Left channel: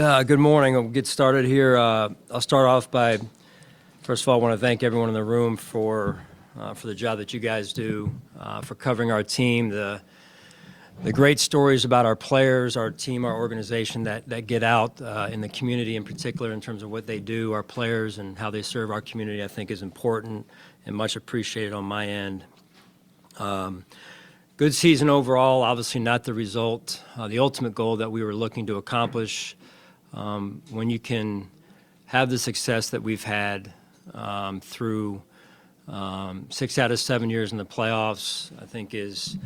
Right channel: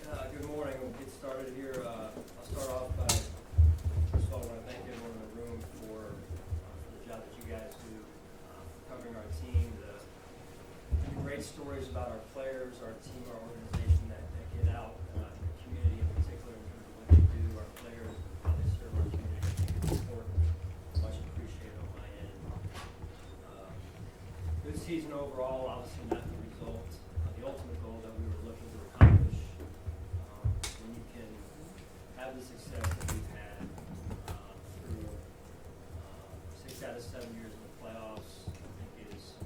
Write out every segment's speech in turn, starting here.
Good morning. I'll get started here. I'll start off by, first of all, I want to thank everyone in the room for the job that you guys do, for covering our team, the great stories about our players, our team, our organization that get out in the community in particular in terms of what they do, our players, and how they serve our community, I think is important and much appreciated on my end. Good season overall, obviously not the result, the ultimate goal that we were looking to accomplish. When you can have the success that we've had through 6 out of 7 years in the playoffs, I think is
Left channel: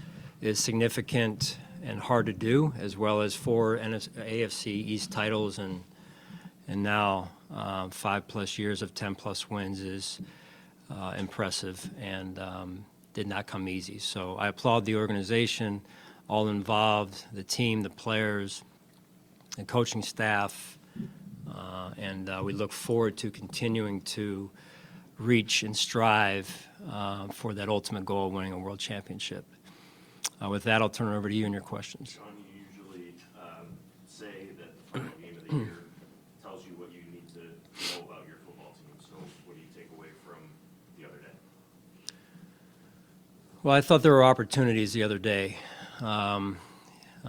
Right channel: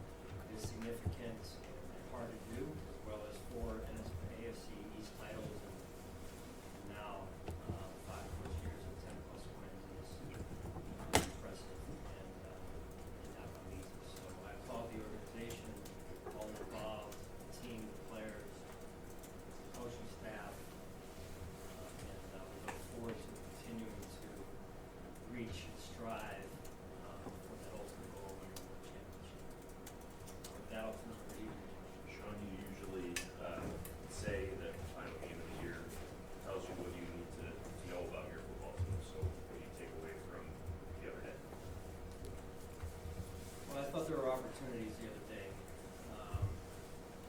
significant and hard to do, as well as 4 AFC East titles and now 5+ years of 10+ wins is impressive and did not come easy. So I applaud the organization, all involved, the team, the players, the coaching staff, and we look forward to continuing to reach and strive for that ultimate goal of winning a world championship. With that, I'll turn it over to you and your questions. Sean, you usually say that the game of the year tells you what you need to know about your football team. So what do you take away from the other day? Well, I thought there were opportunities the other day.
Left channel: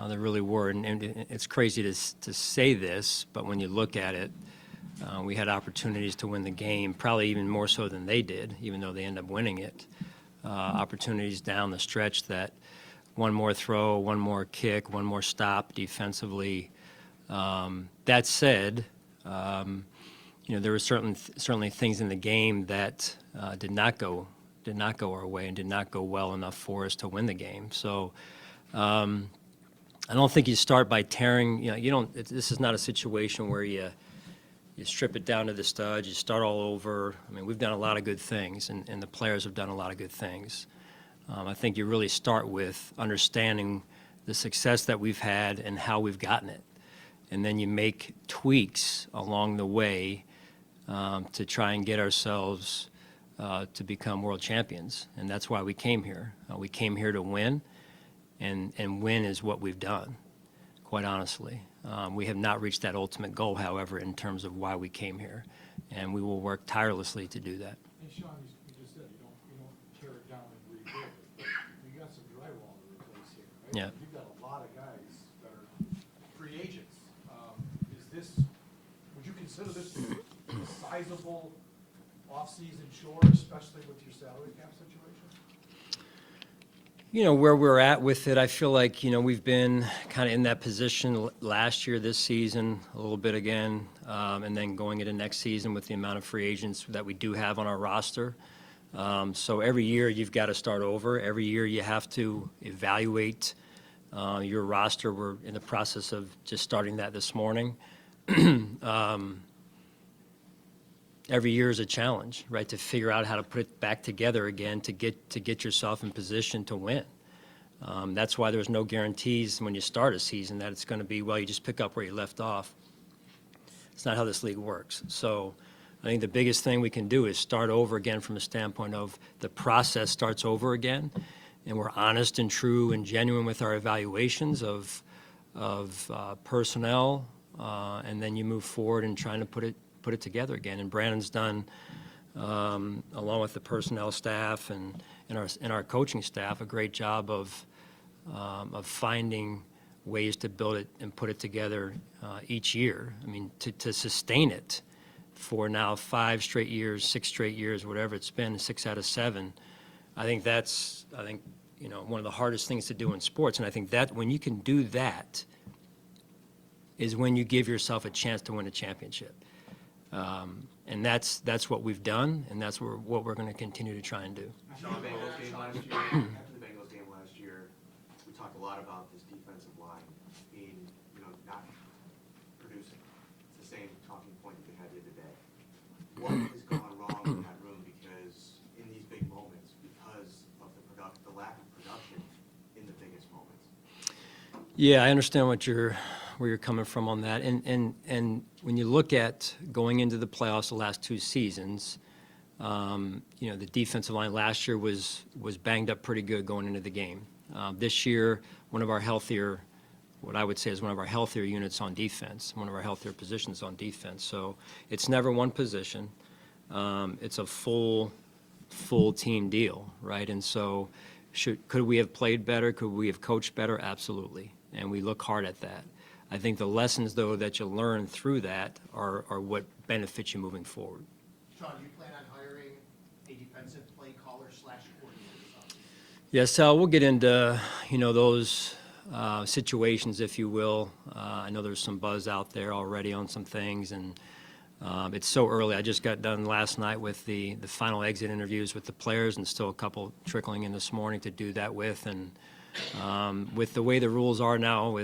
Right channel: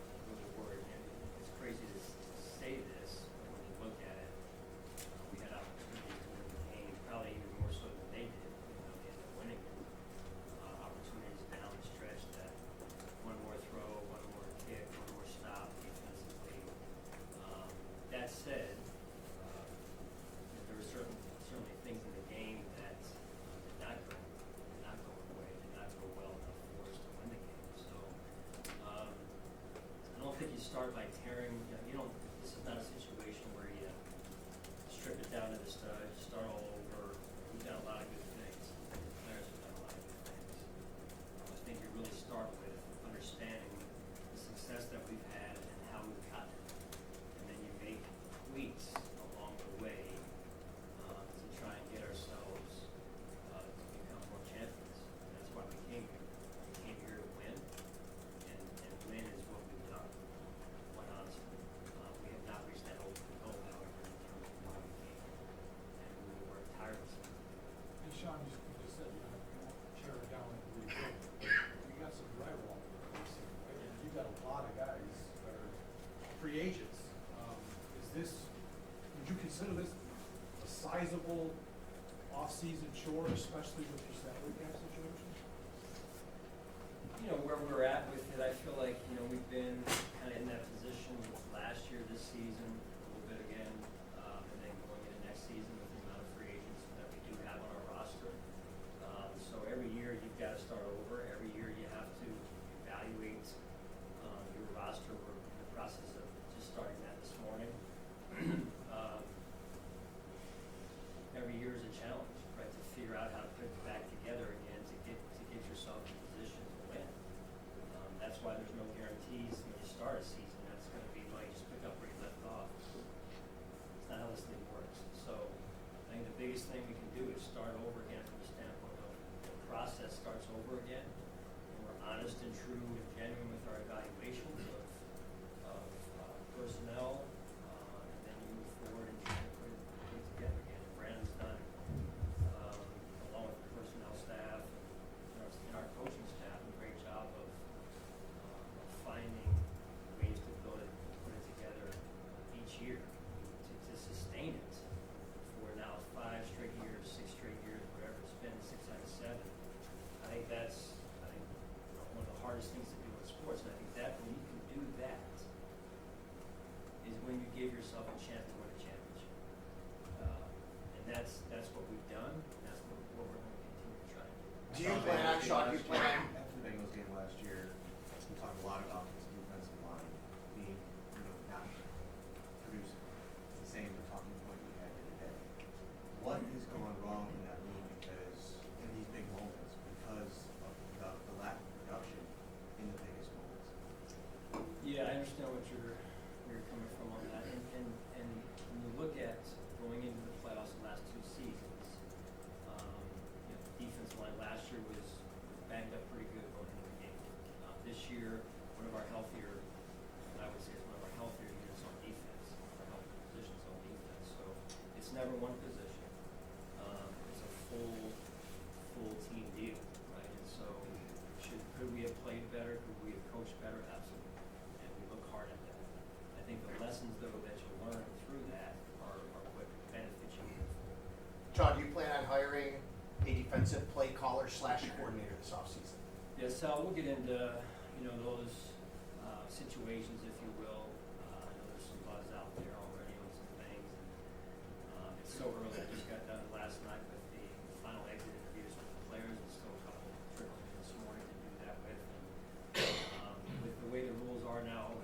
There really were, and it's crazy to say this, but when you look at it, we had opportunities to win the game, probably even more so than they did, even though they ended up winning it. Opportunities down the stretch that one more throw, one more kick, one more stop defensively. That said, there were certainly things in the game that did not go our way and did not go well enough for us to win the game. So. I don't think you start by tearing. This is not a situation where you strip it down to the studs. You start all over. I mean, we've done a lot of good things, and the players have done a lot of good things. I think you really start with understanding the success that we've had and how we've gotten it, and then you make tweaks along the way to try and get ourselves to become world champions, and that's why we came here. We came here to win. And win is what we've done, quite honestly. We have not reached that ultimate goal, however, in terms of why we came here, and we will work tirelessly to do that. And Sean, you just said you don't tear it down and rebuild, but you got some drywall, basically, right? Yeah. You got a lot of guys that are free agents. Would you consider this a sizable off-season chore, especially with your salary cap situation? Where we're at with it, I feel like, we've been kind of in that position last year, this season, a little bit again, and then going into next season with the amount of free agents that we do have on our roster. So every year you've got to start over. Every year you have to evaluate your roster. We're in the process of just starting that this morning. Every year is a challenge, right, to figure out how to put it back together again to get yourself in position to win. That's why there's no guarantees when you start a season that it's going to be, well, you just pick up where you left off. It's not how this league works. So I think the biggest thing we can do is start over again from the standpoint of the process starts over again, and we're honest and true and genuine with our evaluations of personnel, and then you move forward and trying to put it together again. And Brandon's done, along with the personnel staff and our coaching staff, a great job of finding ways to build it and put it together each year. I mean, to sustain it for now 5 straight years, 6 straight years, whatever it's been, 6 out of 7. I think that's one of the hardest things to do in sports. And I think that when you can do that is when you give yourself a chance to win a championship. And that's what we've done, and that's what we're going to continue to try and do. After the Bengals game last year, we talked a lot about this defensive line being, not producing the same talking point we had here today. What is going wrong in that room? Because in these big moments, because of the lack of production in the biggest moments. Yeah, I understand where you're coming from on that, and when you look at going into the playoffs the last 2 seasons, the defensive line last year was banged up pretty good going into the game. This year, one of our healthier what I would say is one of our healthier units on defense, one of our healthier positions on defense. So it's never one position. It's a full team deal, right? And so could we have played better? Could we have coached better? Absolutely. And we look hard at that. I think the lessons, though, that you learn through that are what benefits you moving forward. Sean, do you plan on hiring a defensive play caller / coordinator this offseason? Yes, Sal, we'll get into, those situations, if you will. I know there's some buzz out there already on some things, and it's so early. I just got done last night with the final exit interviews with the players, and still a couple trickling in this morning to do that with. And with the way the rules are now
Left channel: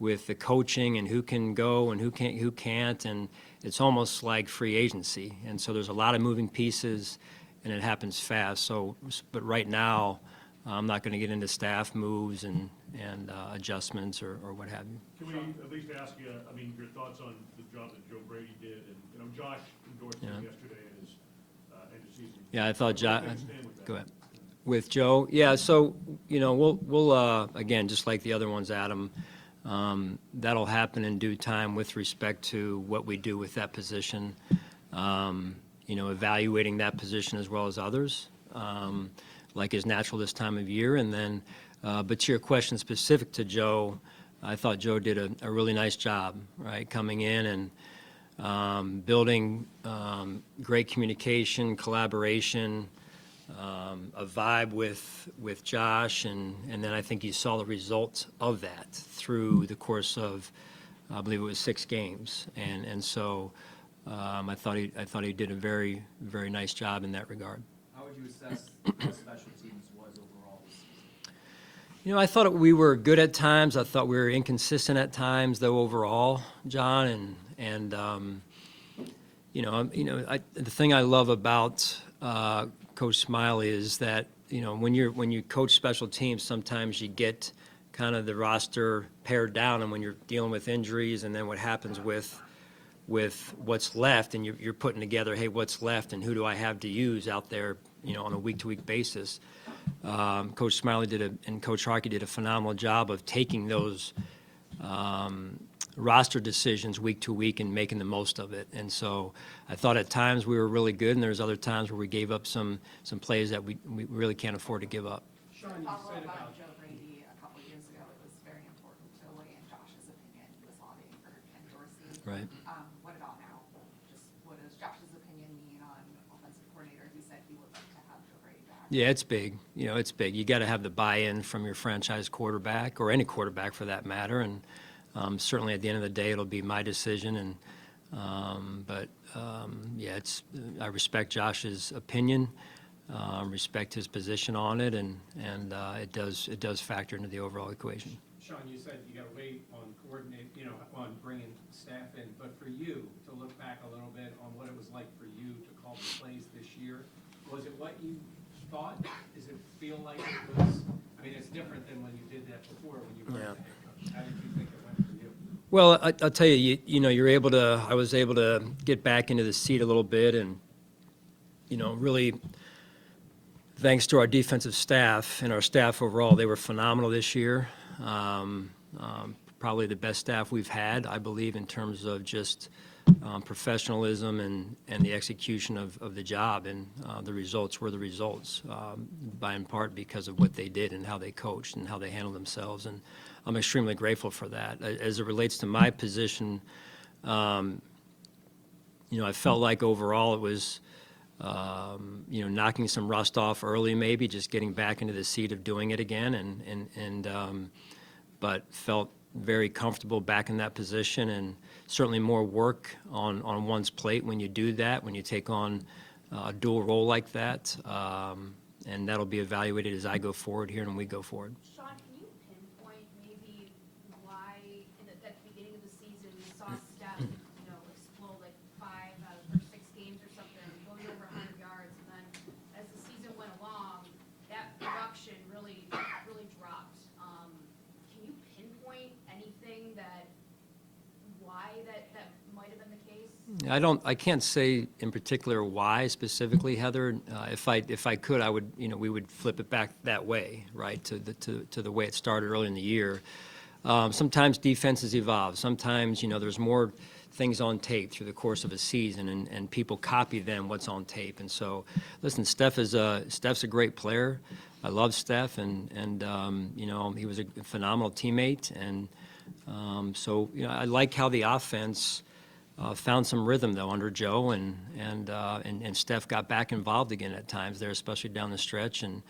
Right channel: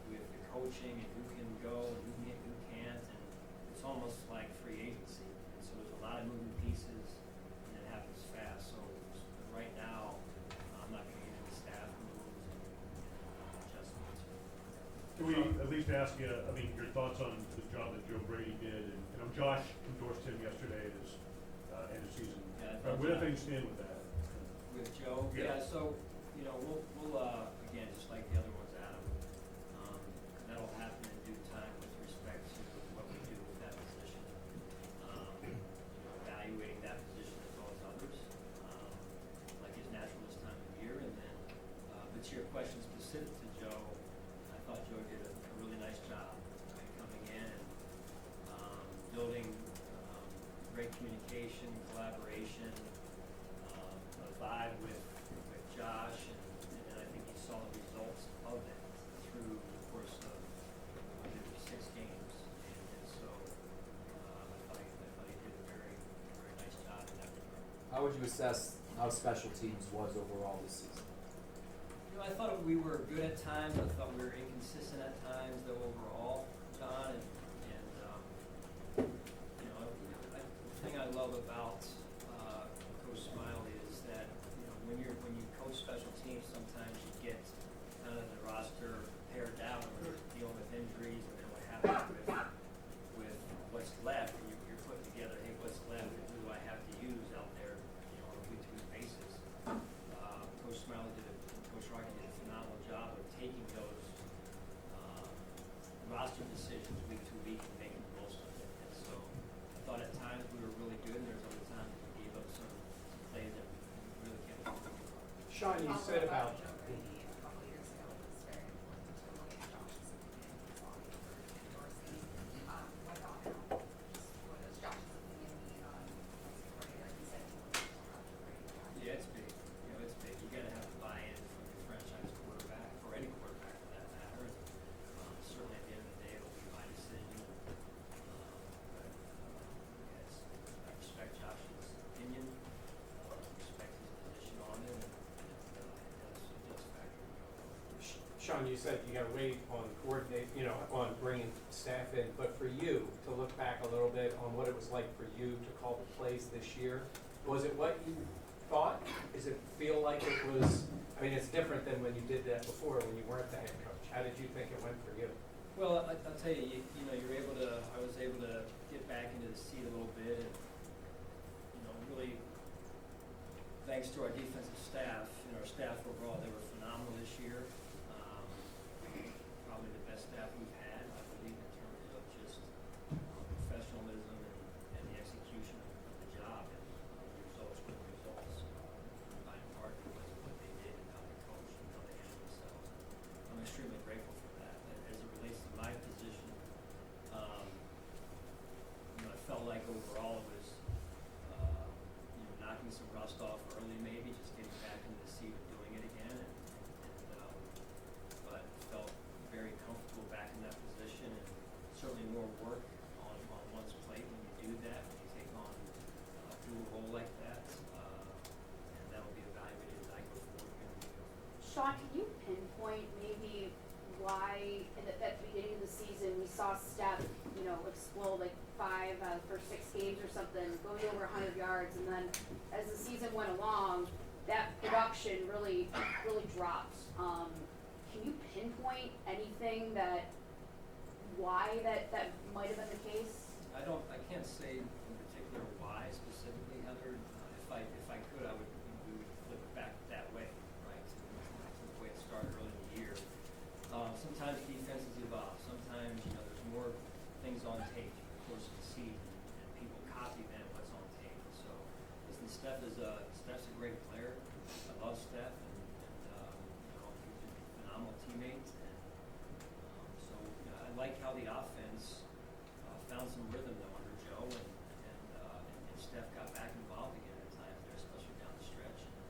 with the coaching and who can go and who can't, and it's almost like free agency. And so there's a lot of moving pieces, and it happens fast. So, but right now, I'm not going to get into staff moves and adjustments or what have you. Can we at least ask you, your thoughts on the job that Joe Brady did? And Josh endorsed him yesterday as end of season. Yeah, I thought Josh. Where do things stand with that? Go ahead. With Joe, yeah. So we'll again, just like the other ones, Adam. That'll happen in due time with respect to what we do with that position. Evaluating that position as well as others, like is natural this time of year. And then, but to your question specific to Joe, I thought Joe did a really nice job, right, coming in and building great communication, collaboration, a vibe with Josh, and then I think you saw the results of that through the course of, I believe it was 6 games, and so I thought he did a very, very nice job in that regard. How would you assess how special teams was overall this season? I thought we were good at times. I thought we were inconsistent at times, though, overall, John. And the thing I love about Coach Smiley is that when you coach special teams, sometimes you get kind of the roster pared down, and when you're dealing with injuries, and then what happens with what's left, and you're putting together, hey, what's left, and who do I have to use out there, on a week-to-week basis. Coach Smiley and Coach Harkey did a phenomenal job of taking those roster decisions week to week and making the most of it. And so I thought at times we were really good, and there's other times where we gave up some plays that we really can't afford to give up. Sean, you said about Joe Brady a couple years ago was very important to William Josh's opinion this all for endorsing. Right. What about now? Just what does Josh's opinion mean on offensive coordinator? He said he wasn't to have to Brady back. Yeah, it's big. It's big. You got to have the buy-in from your franchise quarterback, or any quarterback for that matter. And certainly at the end of the day, it'll be my decision. And I respect Josh's opinion, respect his position on it, and it does factor into the overall equation. Sean, you said you got to wait on on bringing staff in, but for you to look back a little bit on what it was like for you to call the plays this year, was it what you thought? Does it feel like it was? It's different than when you did that before when you weren't the head coach. How did you think it went for you? Well, I'll tell you, I was able to get back into the seat a little bit, and really, thanks to our defensive staff and our staff overall, they were phenomenal this year. Probably the best staff we've had, I believe, in terms of just professionalism and the execution of the job, and the results were the results, by in part because of what they did and how they coached and how they handled themselves, and I'm extremely grateful for that. As it relates to my position, I felt like overall it was, knocking some rust off early, maybe just getting back into the seat of doing it again, but felt very comfortable back in that position, and certainly more work on one's plate when you do that, when you take on a dual role like that, and that'll be evaluated as I go forward here and we go forward. Sean, can you pinpoint maybe why at the beginning of the season we saw Steph, explode like 5 out of the first 6 games or something, going over 100 yards, and then as the season went along, that production really dropped. Can you pinpoint anything why that might have been the case? I can't say in particular why specifically, Heather. If I could, I would, we would flip it back that way, right, to the way it started early in the year. Sometimes defenses evolve. Sometimes, there's more things on tape through the course of a season, and people copy then what's on tape. And so, listen, Steph's a great player. I love Steph, and he was a phenomenal teammate. And so, I like how the offense found some rhythm, though, under Joe, and Steph got back involved again at times there, especially down the stretch. And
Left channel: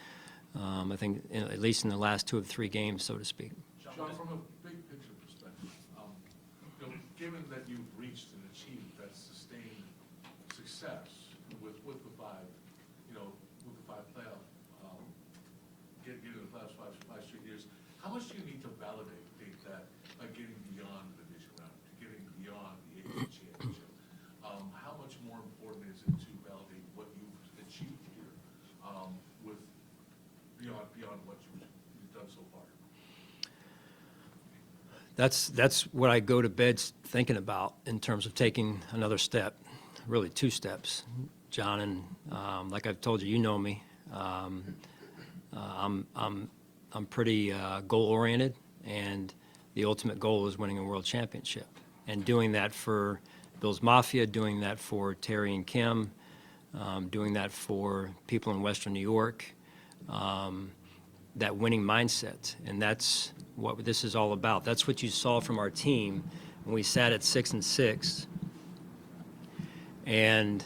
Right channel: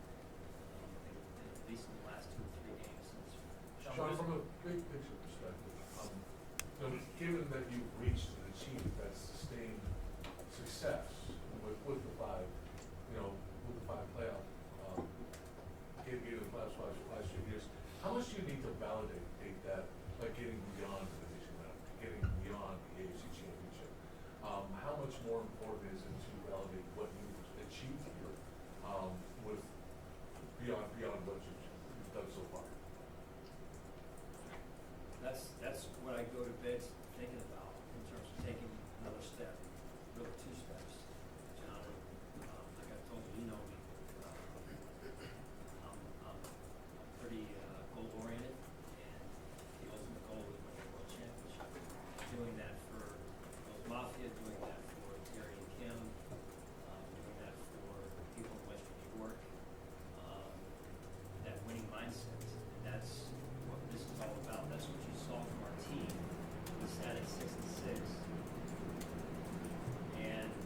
I think, at least in the last 2 of 3 games, so to speak. Sean, from a big picture perspective, given that you've reached and achieved that sustained success with the five, with the 5 playoff, getting the playoffs for the last few years, how much do you need to validate that by getting beyond the division round, getting beyond the AFC championship? How much more important is it to validate what you've achieved here, with beyond what you've done so far? That's what I go to bed thinking about in terms of taking another step, really 2 steps, John. And like I've told you, you know me. I'm pretty goal oriented, and the ultimate goal is winning a world championship, and doing that for Bills Mafia, doing that for Terry and Kim, doing that for people in Western New York. That winning mindset, and that's what this is all about. That's what you saw from our team when we sat at 6-6, and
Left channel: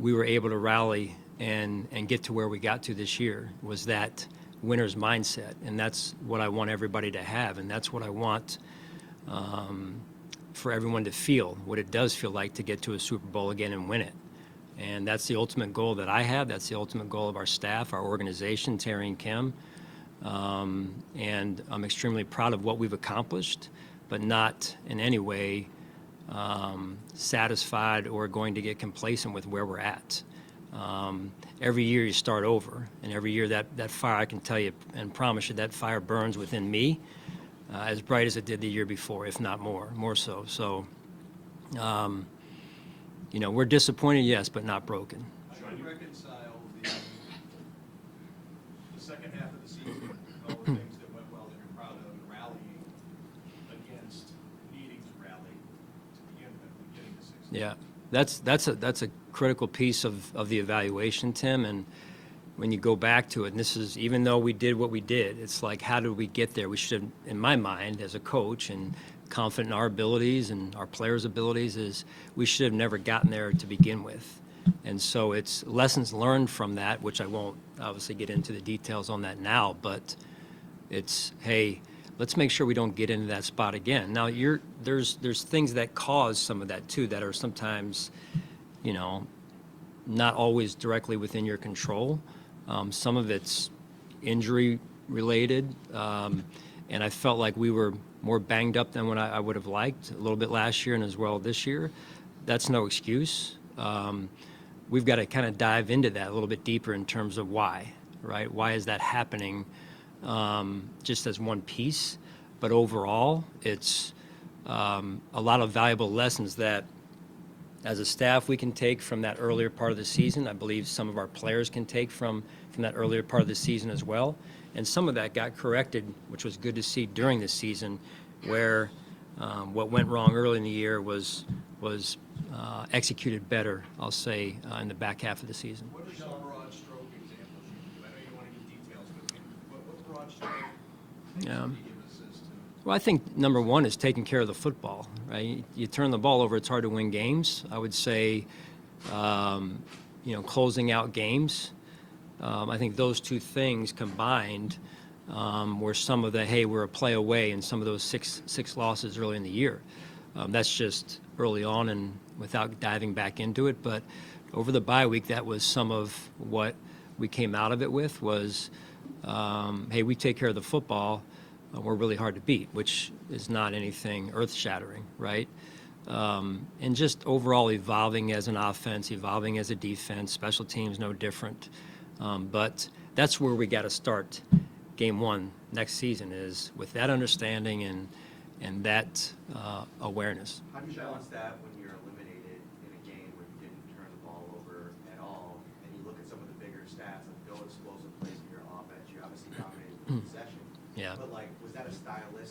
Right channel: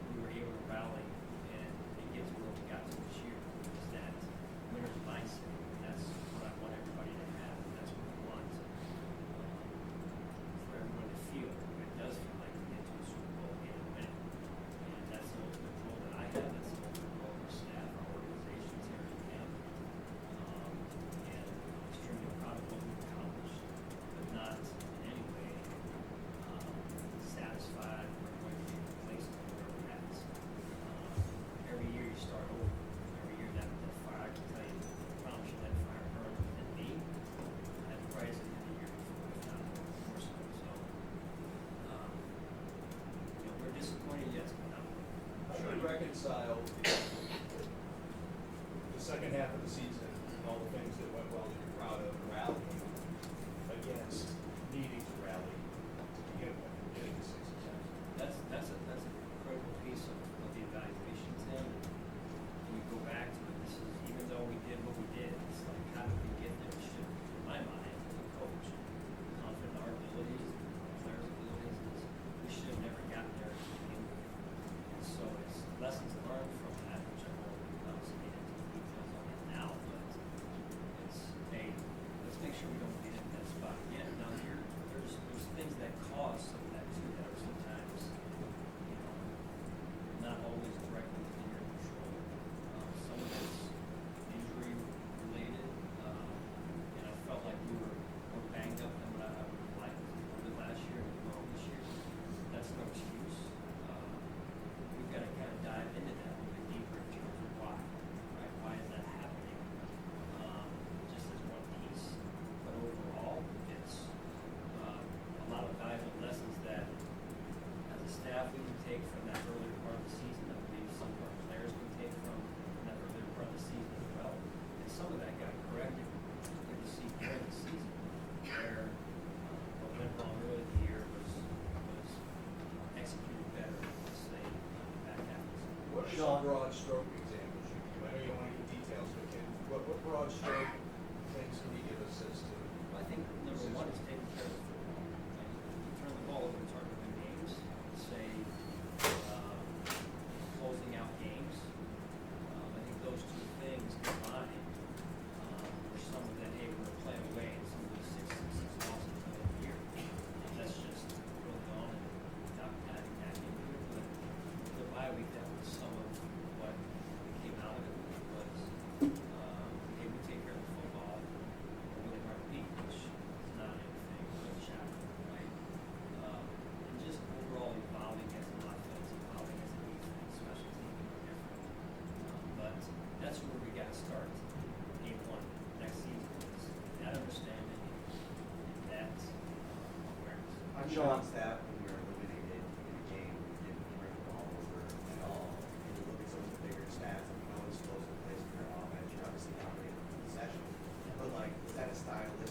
we were able to rally and get to where we got to this year, was that winner's mindset. And that's what I want everybody to have, and that's what I want for everyone to feel, what it does feel like to get to a Super Bowl again and win it. And that's the ultimate goal that I have. That's the ultimate goal of our staff, our organization, Terry and Kim. And I'm extremely proud of what we've accomplished, but not in any way satisfied or going to get complacent with where we're at. Every year you start over, and every year that fire, I can tell you and promise you, that fire burns within me as bright as it did the year before, if not more so. So, we're disappointed, yes, but not broken. How do you reconcile the second half of the season, all the things that went well that you're proud of, rallying against needing to rally to getting the season? Yeah, that's a critical piece of the evaluation, Tim. And when you go back to it, and this is, even though we did what we did, it's like, how did we get there? We should have, in my mind, as a coach and confident in our abilities and our players' abilities, is we should have never gotten there to begin with. And so it's lessons learned from that, which I won't obviously get into the details on that now, but it's, hey, let's make sure we don't get into that spot again. Now, there's things that cause some of that too, that are sometimes, not always directly within your control. Some of it's injury related, and I felt like we were more banged up than what I would have liked a little bit last year and as well this year. That's no excuse. We've got to kind of dive into that a little bit deeper in terms of why, right? Why is that happening, just as one piece? But overall, it's a lot of valuable lessons that, as a staff, we can take from that earlier part of the season. I believe some of our players can take from that earlier part of the season as well. And some of that got corrected, which was good to see during the season, where what went wrong early in the year was executed better, I'll say, in the back half of the season. What are some broad stroke examples you give? I know you don't want to give details, but what broad stroke things Yeah. can you give us as to? Well, I think number one is taking care of the football, right? You turn the ball over, it's hard to win games. I would say, closing out games. I think those 2 things combined were some of the, hey, we're a play away, and some of those six losses early in the year. That's just early on and without diving back into it. But over the bye week, that was some of what we came out of it with was, hey, we take care of the football. We're really hard to beat, which is not anything earth-shattering, right? And just overall evolving as an offense, evolving as a defense, special teams no different. But that's where we got to start game 1 next season, is with that understanding and that awareness. How do you balance that when you're eliminated in a game where you didn't turn the ball over at all, and you look at some of the bigger stats, like no explosive plays in your offense, you're obviously dominating the possession. Yeah. But was that a stylistic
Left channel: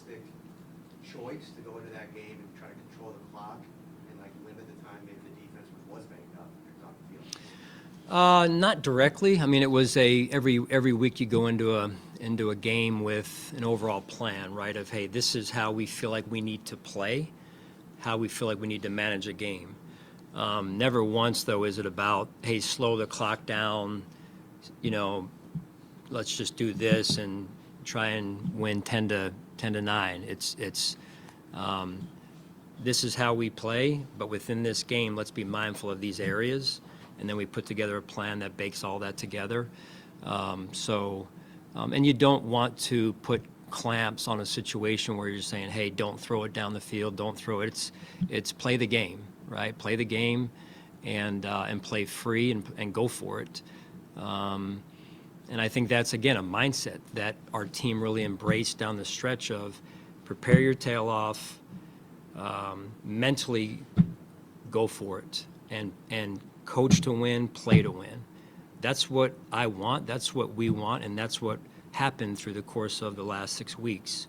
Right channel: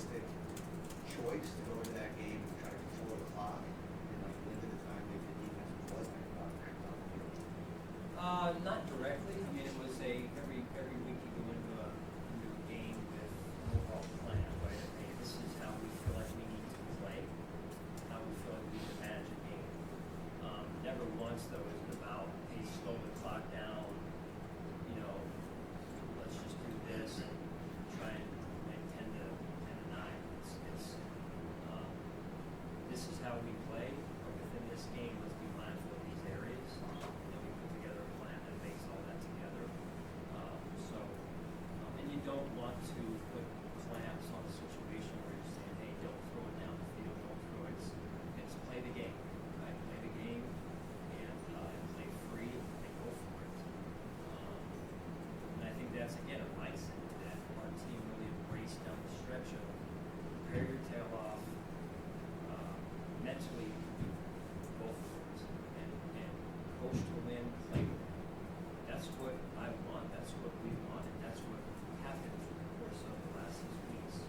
Not directly. I mean, it was every week you go into a game with an overall plan, right? Of, hey, this is how we feel like we need to play, how we feel like we need to manage a game. Never once though is it about, hey, slow the clock down, let's just do this and try and win 10-9. This is how we play, but within this game, let's be mindful of these areas, and then we put together a plan that bakes all that together. And you don't want to put clamps on a situation where you're saying, hey, don't throw it down the field, don't throw it. It's play the game, right? Play the game and play free and go for it. And I think that's, again, a mindset that our team really embraced down the stretch of prepare your tail off, mentally go for it, and coach to win, play to win. That's what I want, that's what we want, and that's what happened through the course of the last 6 weeks.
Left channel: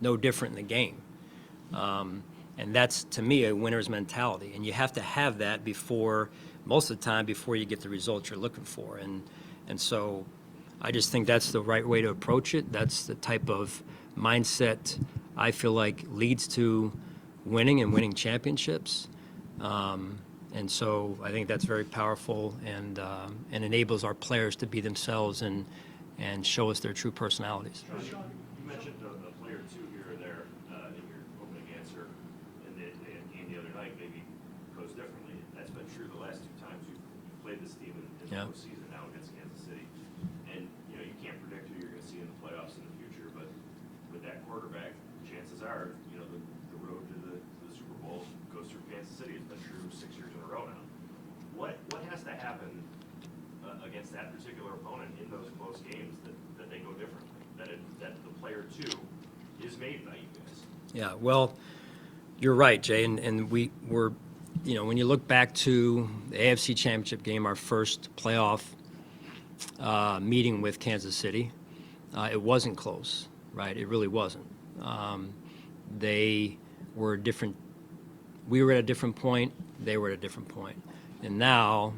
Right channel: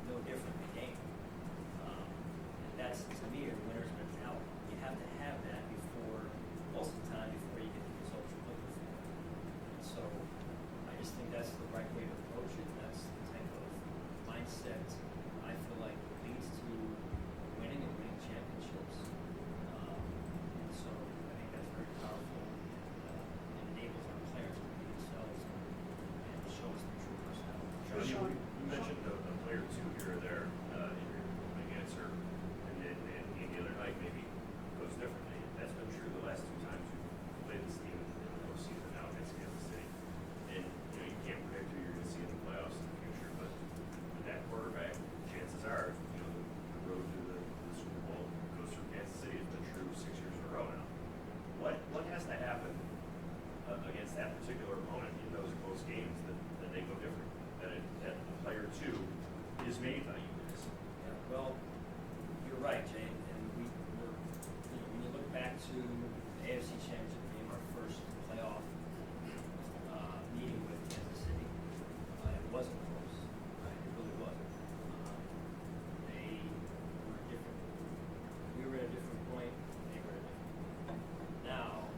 No different in the game. And that's, to me, a winner's mentality. And you have to have that most of the time, before you get the results you're looking for. And so I just think that's the right way to approach it. That's the type of mindset I feel like leads to winning and winning championships. And so I think that's very powerful and enables our players to be themselves and show us their true personalities. Sean, you mentioned the player two here or there in your opening answer, and the other night maybe goes differently. That's been true the last 2 times you've played this team in the postseason now against Kansas City. And you can't predict who you're going to see in the playoffs in the future, but with that quarterback, chances are the road to the Super Bowl goes through Kansas City. It's been true 6 years in a row now. What has to happen against that particular opponent in those close games that they go different? That the player two is made by you guys. Yeah, well, you're right, Jay, and we were, when you look back to the AFC Championship game, our first playoff meeting with Kansas City, it wasn't close, right? It really wasn't. They were different. We were at a different point. They were at a different point, and now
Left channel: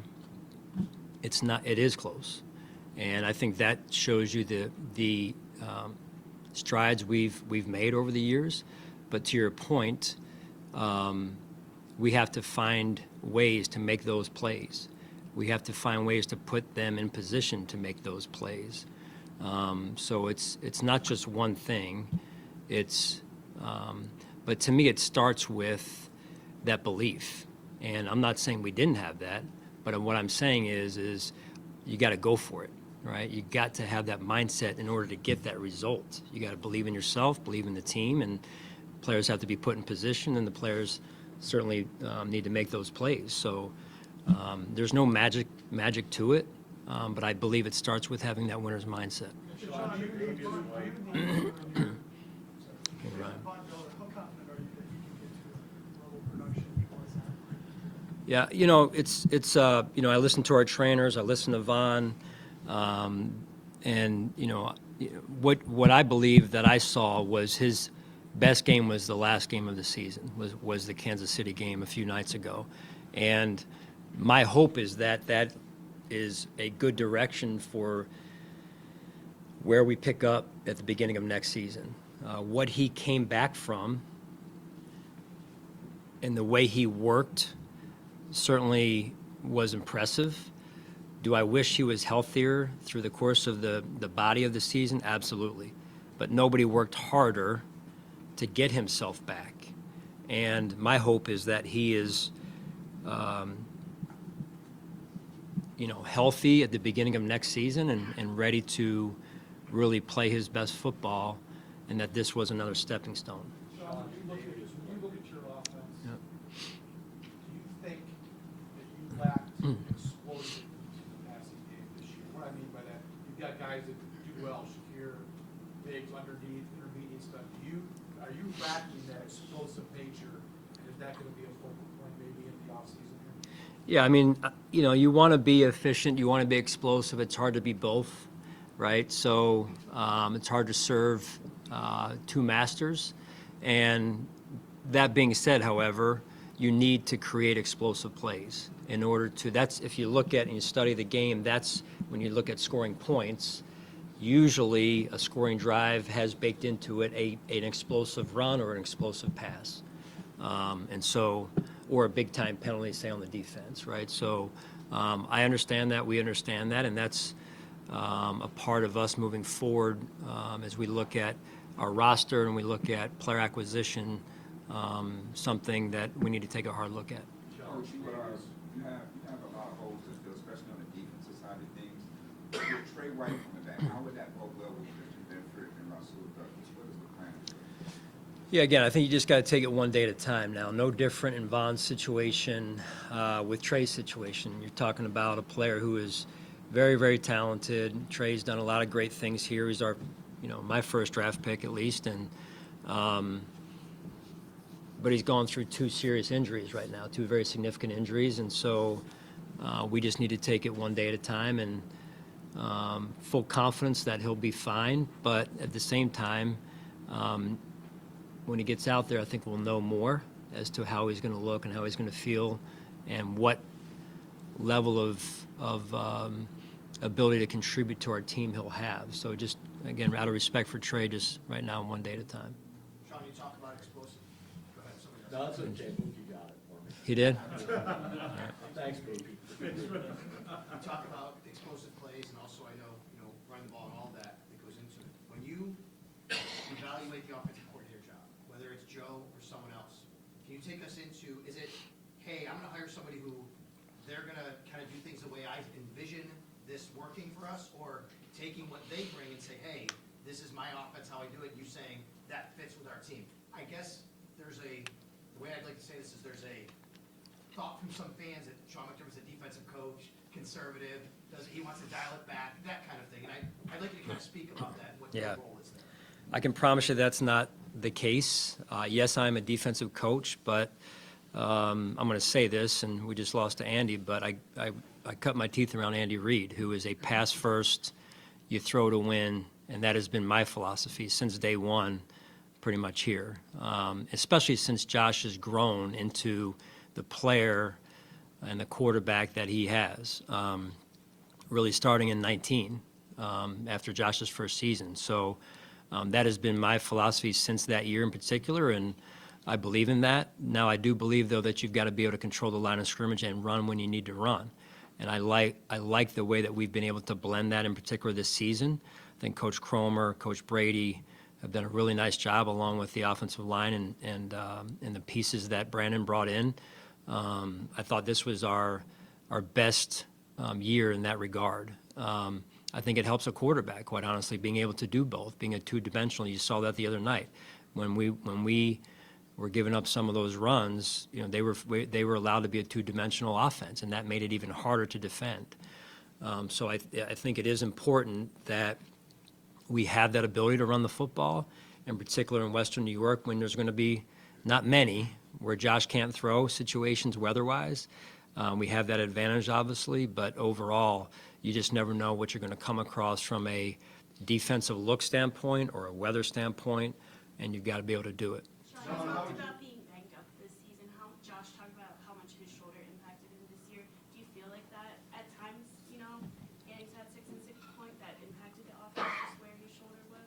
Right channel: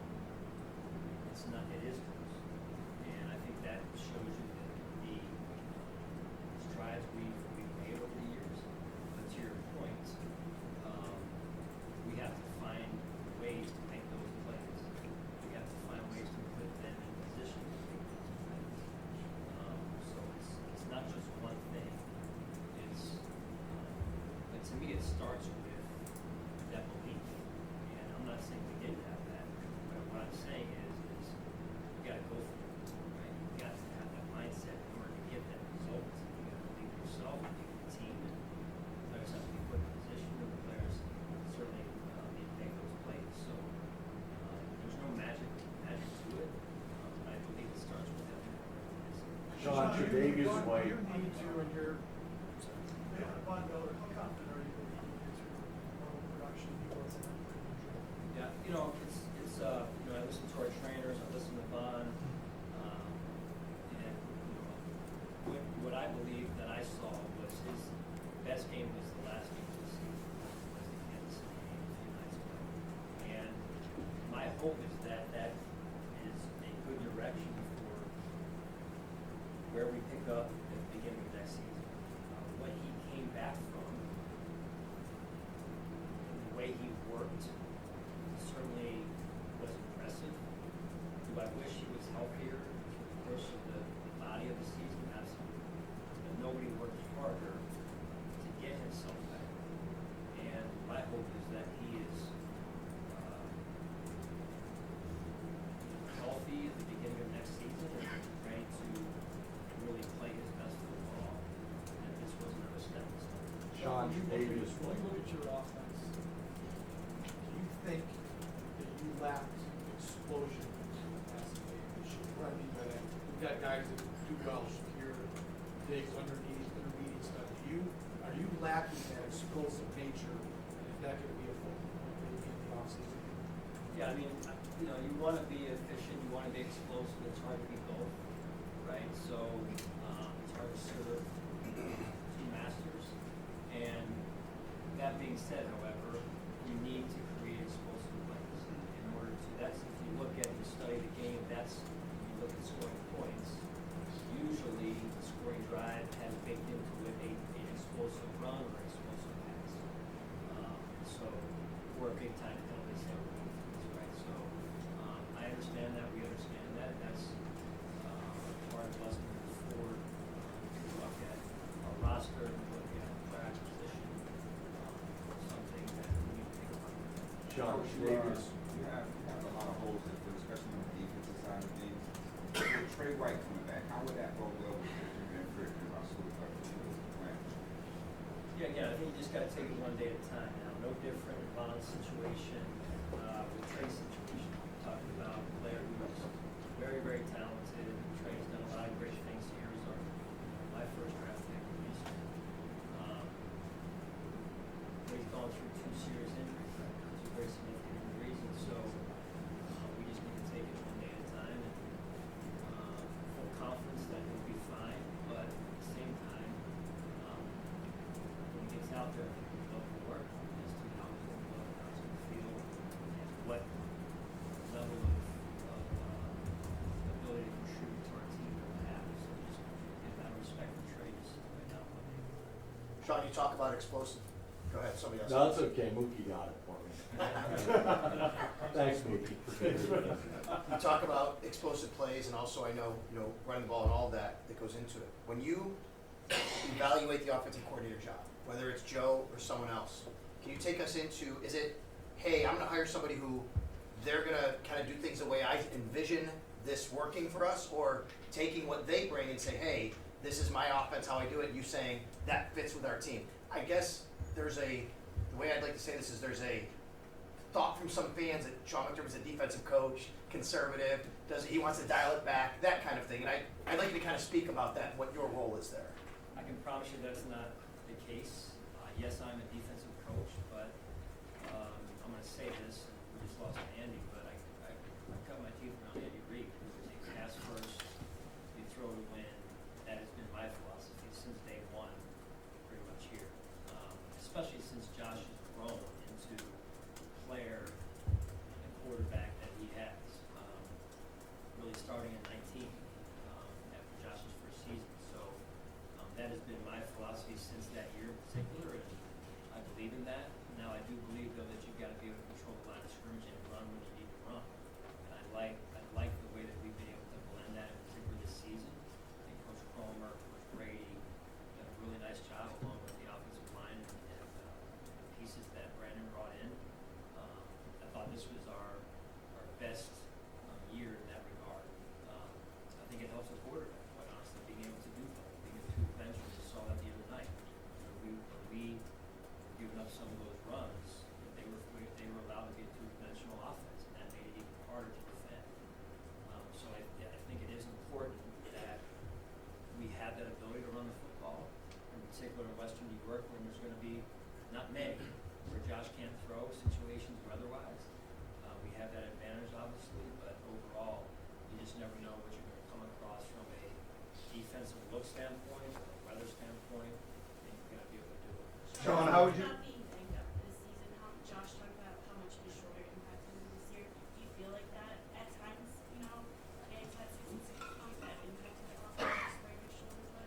it's not. It is close, and I think that shows you the strides we've made over the years. But to your point, we have to find ways to make those plays. We have to find ways to put them in position to make those plays. So it's not just one thing. But to me, it starts with that belief. And I'm not saying we didn't have that, but what I'm saying is you got to go for it, right? You got to have that mindset in order to get that result. You got to believe in yourself, believe in the team, and players have to be put in position, and the players certainly need to make those plays. So there's no magic to it, but I believe it starts with having that winner's mindset. Sean, Vegas White. Yeah, I listen to our trainers, I listen to Vaughn, and what I believe that I saw was his best game was the last game of the season, was the Kansas City game a few nights ago, and my hope is that is a good direction for where we pick up at the beginning of next season. What he came back from and the way he worked certainly was impressive. Do I wish he was healthier through the course of the body of the season? Absolutely. But nobody worked harder to get himself back. And my hope is that he is healthy at the beginning of next season and ready to really play his best football, and that this was another stepping stone. Sean, When you look at your offense, do you think that you lacked explosion in the passing game this year? What I mean by that, you got guys that do well, Shakir, Diggs underneath, intermediate stuff. Are you lacking that explosive nature, and is that going to be a focal point maybe in the offseason? Yeah, I mean, you want to be efficient, you want to be explosive. It's hard to be both, right? So it's hard to serve two masters. And that being said, however, you need to create explosive plays in order to, that's, if you look at and you study the game, that's when you look at scoring points, usually a scoring drive has baked into it an explosive run or an explosive pass. And so, or a big time penalty, say, on the defense, right? So I understand that, we understand that, and that's a part of us moving forward as we look at our roster and we look at player acquisition, something that we need to take a hard look at. Sean, you have a lot of holes, especially on the defensive side of things. With Trey White coming back, how would that go well with Christian Benford and Russell plan? Yeah, again, I think you just got to take it one day at a time now. No different in Von's situation with Trey's situation. You're talking about a player who is very, very talented. Trey's done a lot of great things here. He's our, my first draft pick at least, and but he's gone through 2 serious injuries right now, 2 very significant injuries, and so we just need to take it one day at a time, and full confidence that he'll be fine. But at the same time, when he gets out there, I think we'll know more as to how he's going to look and how he's going to feel, and what level of ability to contribute to our team he'll have. So just, again, out of respect for Trey, just right now, one day at a time. Sean, you talk about explosive. Go ahead, somebody else. No, that's okay, Mookie got it for me. He did? Thanks, Mookie. You talk about explosive plays, and also I know, running the ball and all that goes into it. When you evaluate the offensive coordinator job, whether it's Joe or someone else, can you take us into, is it, hey, I'm gonna hire somebody who they're gonna kind of do things the way I envision this working for us, or taking what they bring and say, hey, this is my offense, how I do it, you saying that fits with our team? I guess the way I'd like to say this is there's a thought from some fans that Sean McDermott's a defensive coach, conservative, he wants to dial it back, that kind of thing. And I'd like to kind of speak about that, what your role is there. I can promise you that's not the case. Yes, I'm a defensive coach, but I'm going to say this, and we just lost to Andy, but I cut my teeth around Andy Reid, who is a pass first, you throw to win, and that has been my philosophy since day one, pretty much here, especially since Josh has grown into the player and the quarterback that he has, really starting in 19 after Josh's first season. So that has been my philosophy since that year in particular, and I believe in that. Now, I do believe, though, that you've got to be able to control the line of scrimmage and run when you need to run. And I like the way that we've been able to blend that in particular this season. I think Coach Cromer, Coach Brady have done a really nice job, along with the offensive line and the pieces that Brandon brought in. I thought this was our best year in that regard. I think it helps a quarterback, quite honestly, being able to do both, being a two-dimensional. You saw that the other night when we were giving up some of those runs. They were allowed to be a two-dimensional offense, and that made it even harder to defend. So I think it is important that we have that ability to run the football, in particular in Western New York, when there's going to be not many where Josh can't throw situations weather-wise. We have that advantage, obviously, but overall, you just never know what you're going to come across from a defensive look standpoint or a weather standpoint, and you've got to be able to do it. Sean, how would you? Not being banged up this season, Josh talked about how much his shoulder impacted him this year. Do you feel like that at times, getting to that 66 point, that impacted the offense where his shoulder was?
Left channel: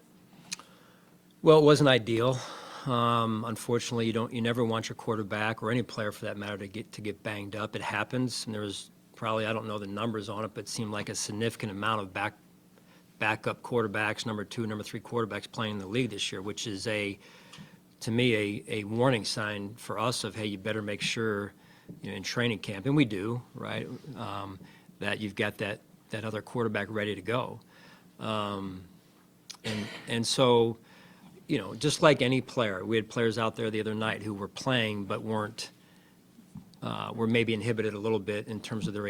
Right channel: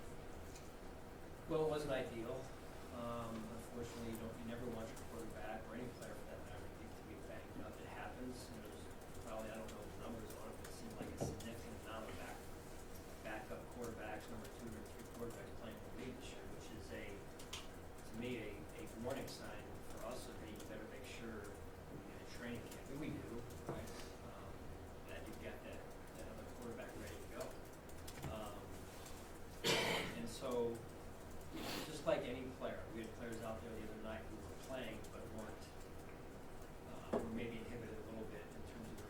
Well, it wasn't ideal. Unfortunately, you never want your quarterback or any player for that matter to get banged up. It happens, and there was probably, I don't know the numbers on it, but it seemed like a significant amount of backup quarterbacks, number 2, number 3 quarterbacks playing in the league this year, which is to me a warning sign for us of, hey, you better make sure in training camp, and we do, right, that you've got that other quarterback ready to go. And so, just like any player, we had players out there the other night who were playing but were maybe inhibited a little bit in terms of their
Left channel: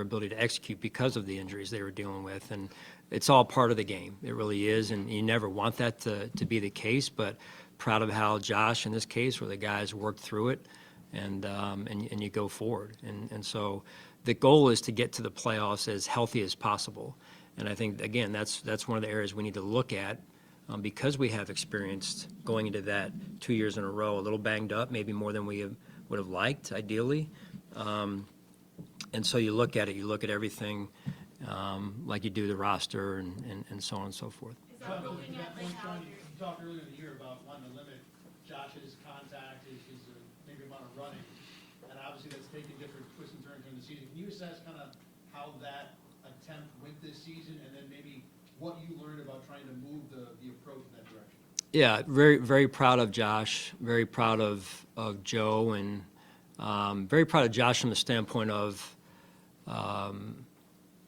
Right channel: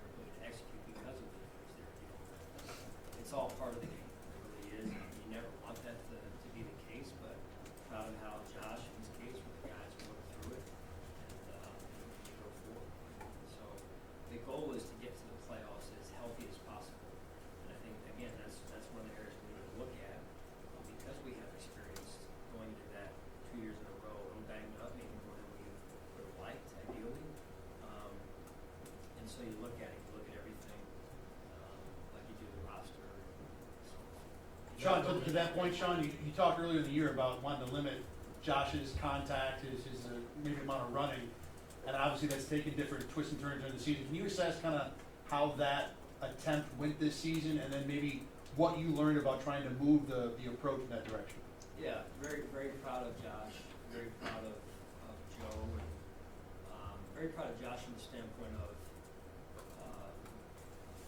ability to execute because of the injuries they were dealing with. And it's all part of the game. It really is, and you never want that to be the case, but proud of how Josh, in this case, where the guys worked through it, and you go forward. And so the goal is to get to the playoffs as healthy as possible. And I think, again, that's one of the areas we need to look at, because we have experienced going into that 2 years in a row, a little banged up, maybe more than we would have liked, ideally. And so you look at it, you look at everything like you do the roster and so on and so forth. Sean, to that point, Sean, you talked earlier in the year about wanting to limit Josh's contact, his maybe amount of running, and obviously that's taken different twists and turns during the season. Can you assess kind of how that attempt went this season, and then maybe what you learned about trying to move the approach in that direction? Yeah, very, very proud of Josh, very proud of Joe, and very proud of Josh from the standpoint of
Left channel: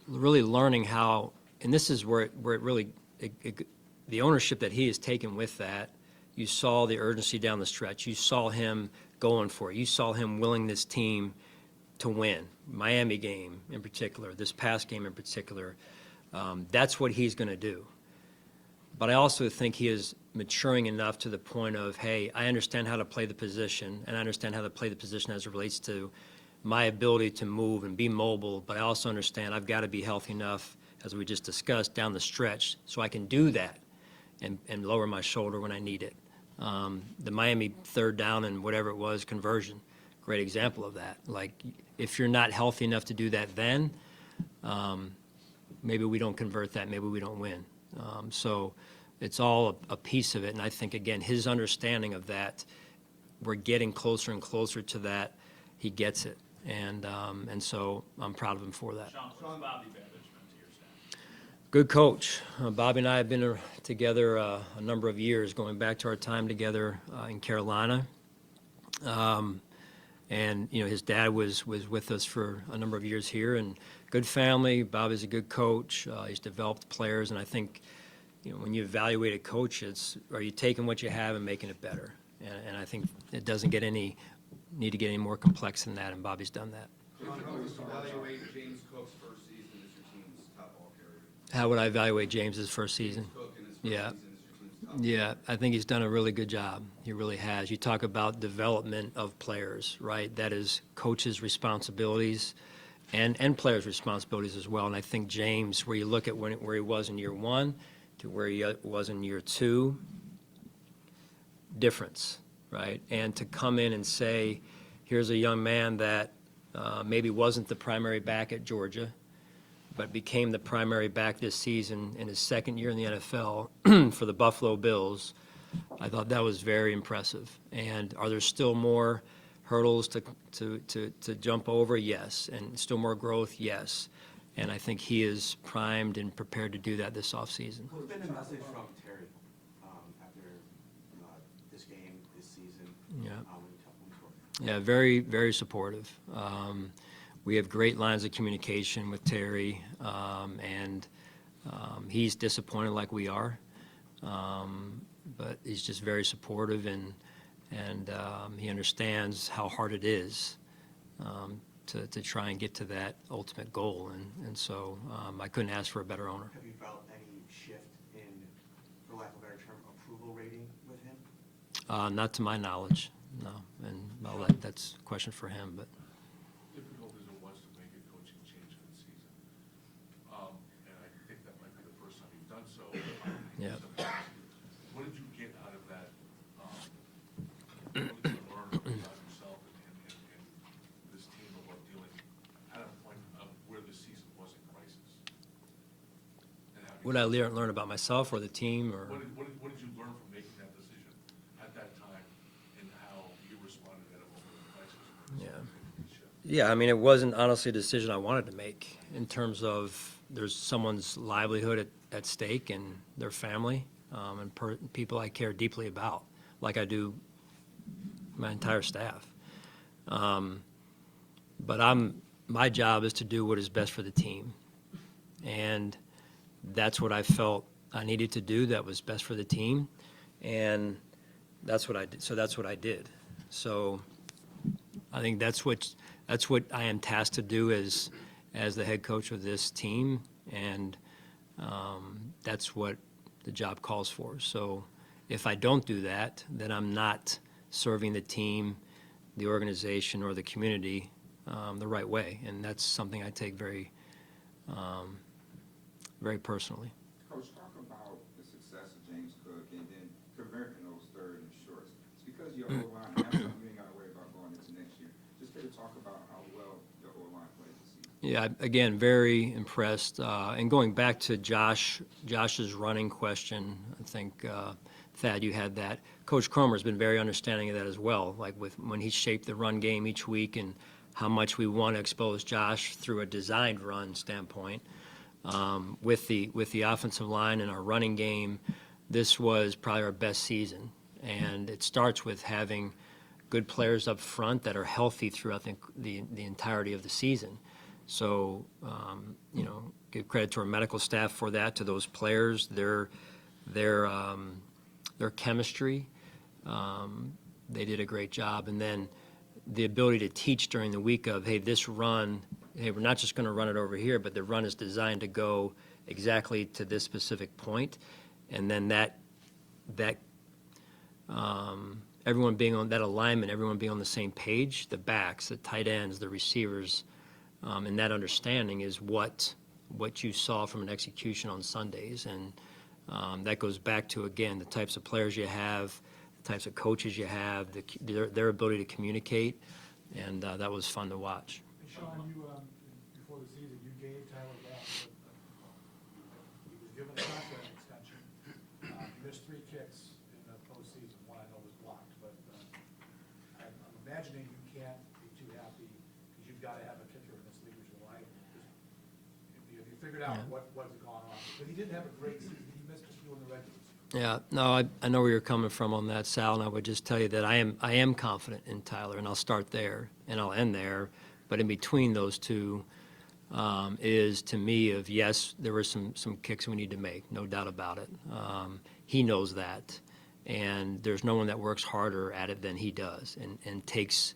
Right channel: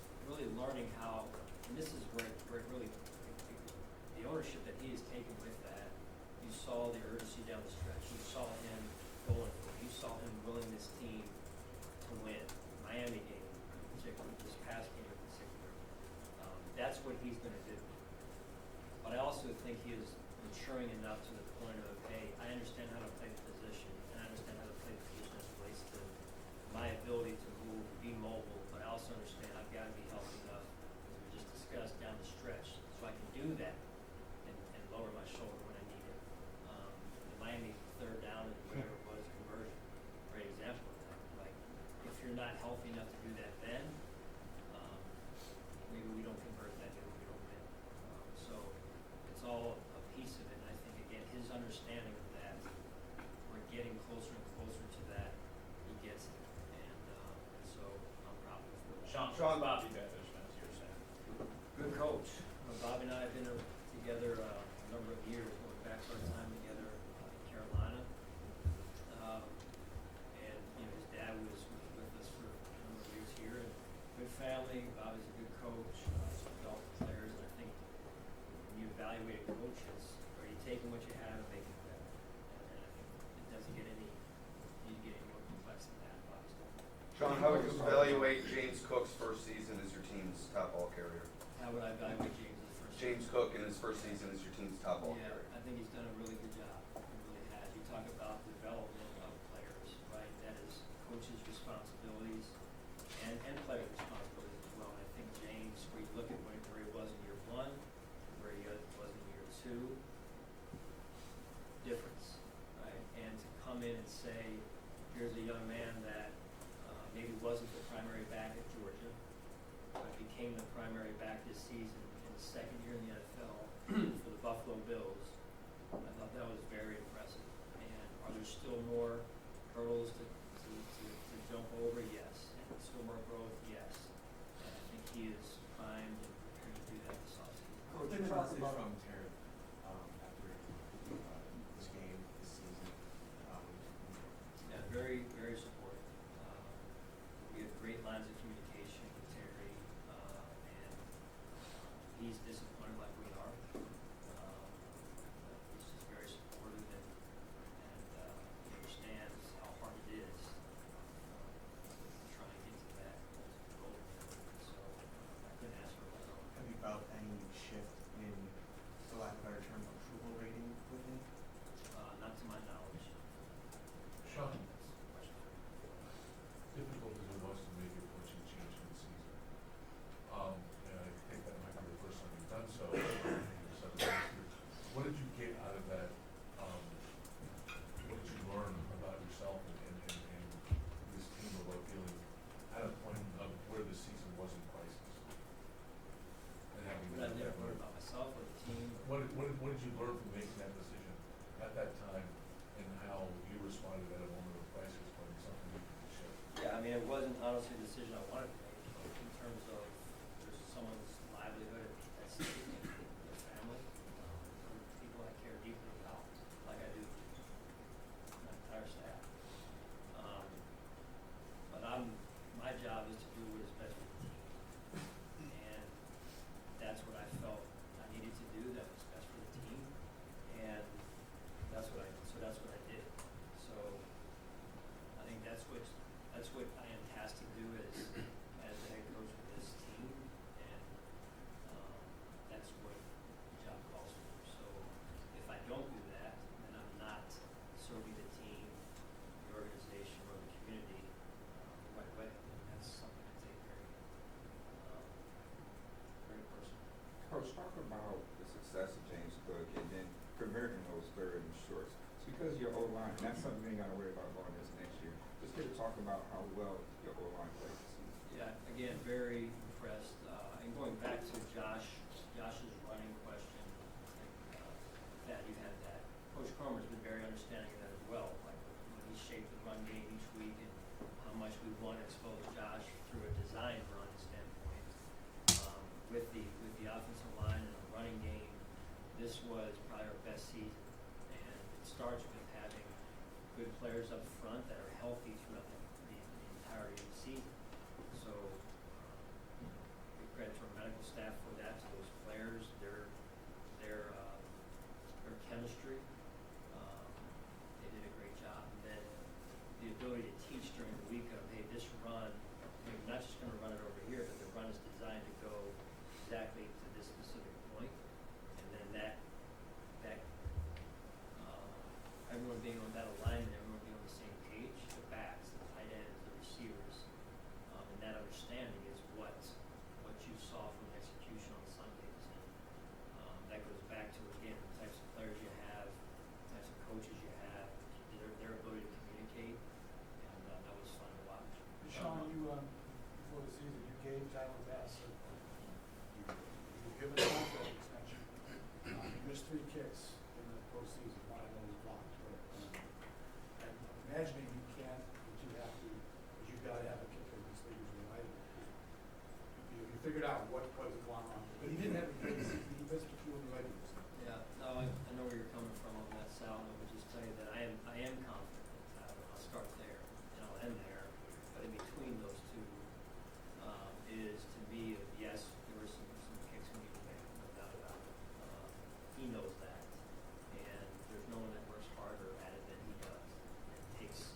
really learning how, and this is where it really, the ownership that he has taken with that. You saw the urgency down the stretch. You saw him going for it. You saw him willing this team to win. Miami game in particular, this past game in particular. That's what he's going to do. But I also think he is maturing enough to the point of, hey, I understand how to play the position, and I understand how to play the position as it relates to my ability to move and be mobile, but I also understand I've got to be healthy enough, as we just discussed, down the stretch so I can do that and lower my shoulder when I need it. The Miami third down and whatever it was conversion, great example of that. Like, if you're not healthy enough to do that then, maybe we don't convert that, maybe we don't win. So it's all a piece of it, and I think, again, his understanding of that, we're getting closer and closer to that. He gets it, and so I'm proud of him for that. Sean, Bobby Bethers, you're saying. Good coach. Bobby and I have been together a number of years, going back to our time together in Carolina. And his dad was with us for a number of years here, and good family. Bobby's a good coach. He's developed players, and I think when you evaluate a coach, are you taking what you have and making it better? And I think it doesn't need to get any more complex than that, and Bobby's done that. John, how would you evaluate James Cook's first season as your team's top ball carrier? How would I evaluate James's first season? James Cook in his first season as your team's top ball Yeah, carrier. I think he's done a really good job. He really has. You talk about development of players, right? That is coaches' responsibilities and players' responsibilities as well. And I think James, where you look at where he was in year one to where he was in year two, difference, right? And to come in and say, here's a young man that maybe wasn't the primary back at Georgia, but became the primary back this season in his second year in the NFL for the Buffalo Bills. I thought that was very impressive. And are there still more hurdles to jump over? Yes. And still more growth? Yes. And I think he is primed and prepared to do that this offseason. What's been the message from Terry after this game, this season? Yeah, very, very supportive. We have great lines of communication with Terry, and he's disappointed like we are, but he's just very supportive, and he understands how hard it is to try and get to that ultimate goal, and so I couldn't ask for a better owner. Have you felt any shift in, for lack of a better term, approval rating with him? Not to my knowledge, no, and that's a question for him, but. Difficult as it was to make a coaching change for the season. And I think that might be the first time you've done so. Yeah. What did you get out of that? What did you learn about yourself and this team about dealing at a point of where the season was in crisis? What did I learn about myself or the team? Or What did you learn from making that decision at that time, and how you responded at a moment of crisis? Yeah, I mean, it wasn't honestly a decision I wanted to make in terms of there's someone's livelihood at stake and their family and people I care deeply about, like I do my entire staff. But my job is to do what is best for the team, and that's what I felt I needed to do that was best for the team, and that's what I did. So that's what I did. So I think that's what I am tasked to do as the head coach of this team, and that's what the job calls for. So if I don't do that, then I'm not serving the team, the organization, or the community the right way, and that's something I take very, very personally. Coach, talk about the success of James Cook and then converting those third and shorts. It's because your whole line, that's something you ain't got to worry about going this next about how well the O-line played. Yeah, again, very impressed. And going back to Josh's running question, I think, Thad, you had that. Coach Cromer's been very understanding of that as well, like when he shaped the run game each week and how much we want to expose Josh through a designed run standpoint. With the offensive line and our running game, this was probably our best season. And it starts with having good players up front that are healthy throughout the entirety of the season. So, give credit to our medical staff for that, to those players, their chemistry. They did a great job. And then the ability to teach during the week of, hey, this run, hey, we're not just going to run it over here, but the run is designed to go exactly to this specific point. And then everyone being on that alignment, everyone being on the same page, the backs, the tight ends, the receivers, and that understanding is what you saw from an execution on Sundays. And that goes back to, again, the types of players you have, the types of coaches you have, their ability to communicate, and that was fun to watch. Sean, before the season, you gauge how it went. You were given a contract extension. You missed 3 kicks in the postseason, one I know was blocked, but I'm imagining you can't be too happy because you've got to have a kicker in this league, right? You figured out what was going on. But he didn't have a great season. He missed a few in the regular season. Yeah, no, I know where you're coming from on that, Sal, and I would just tell you that I am confident in Tyler, and I'll start there, and I'll end there. But in between those two is, to me, of yes, there were some kicks we need to make, no doubt about it. He knows that, and there's no one that works harder at it than he does, and takes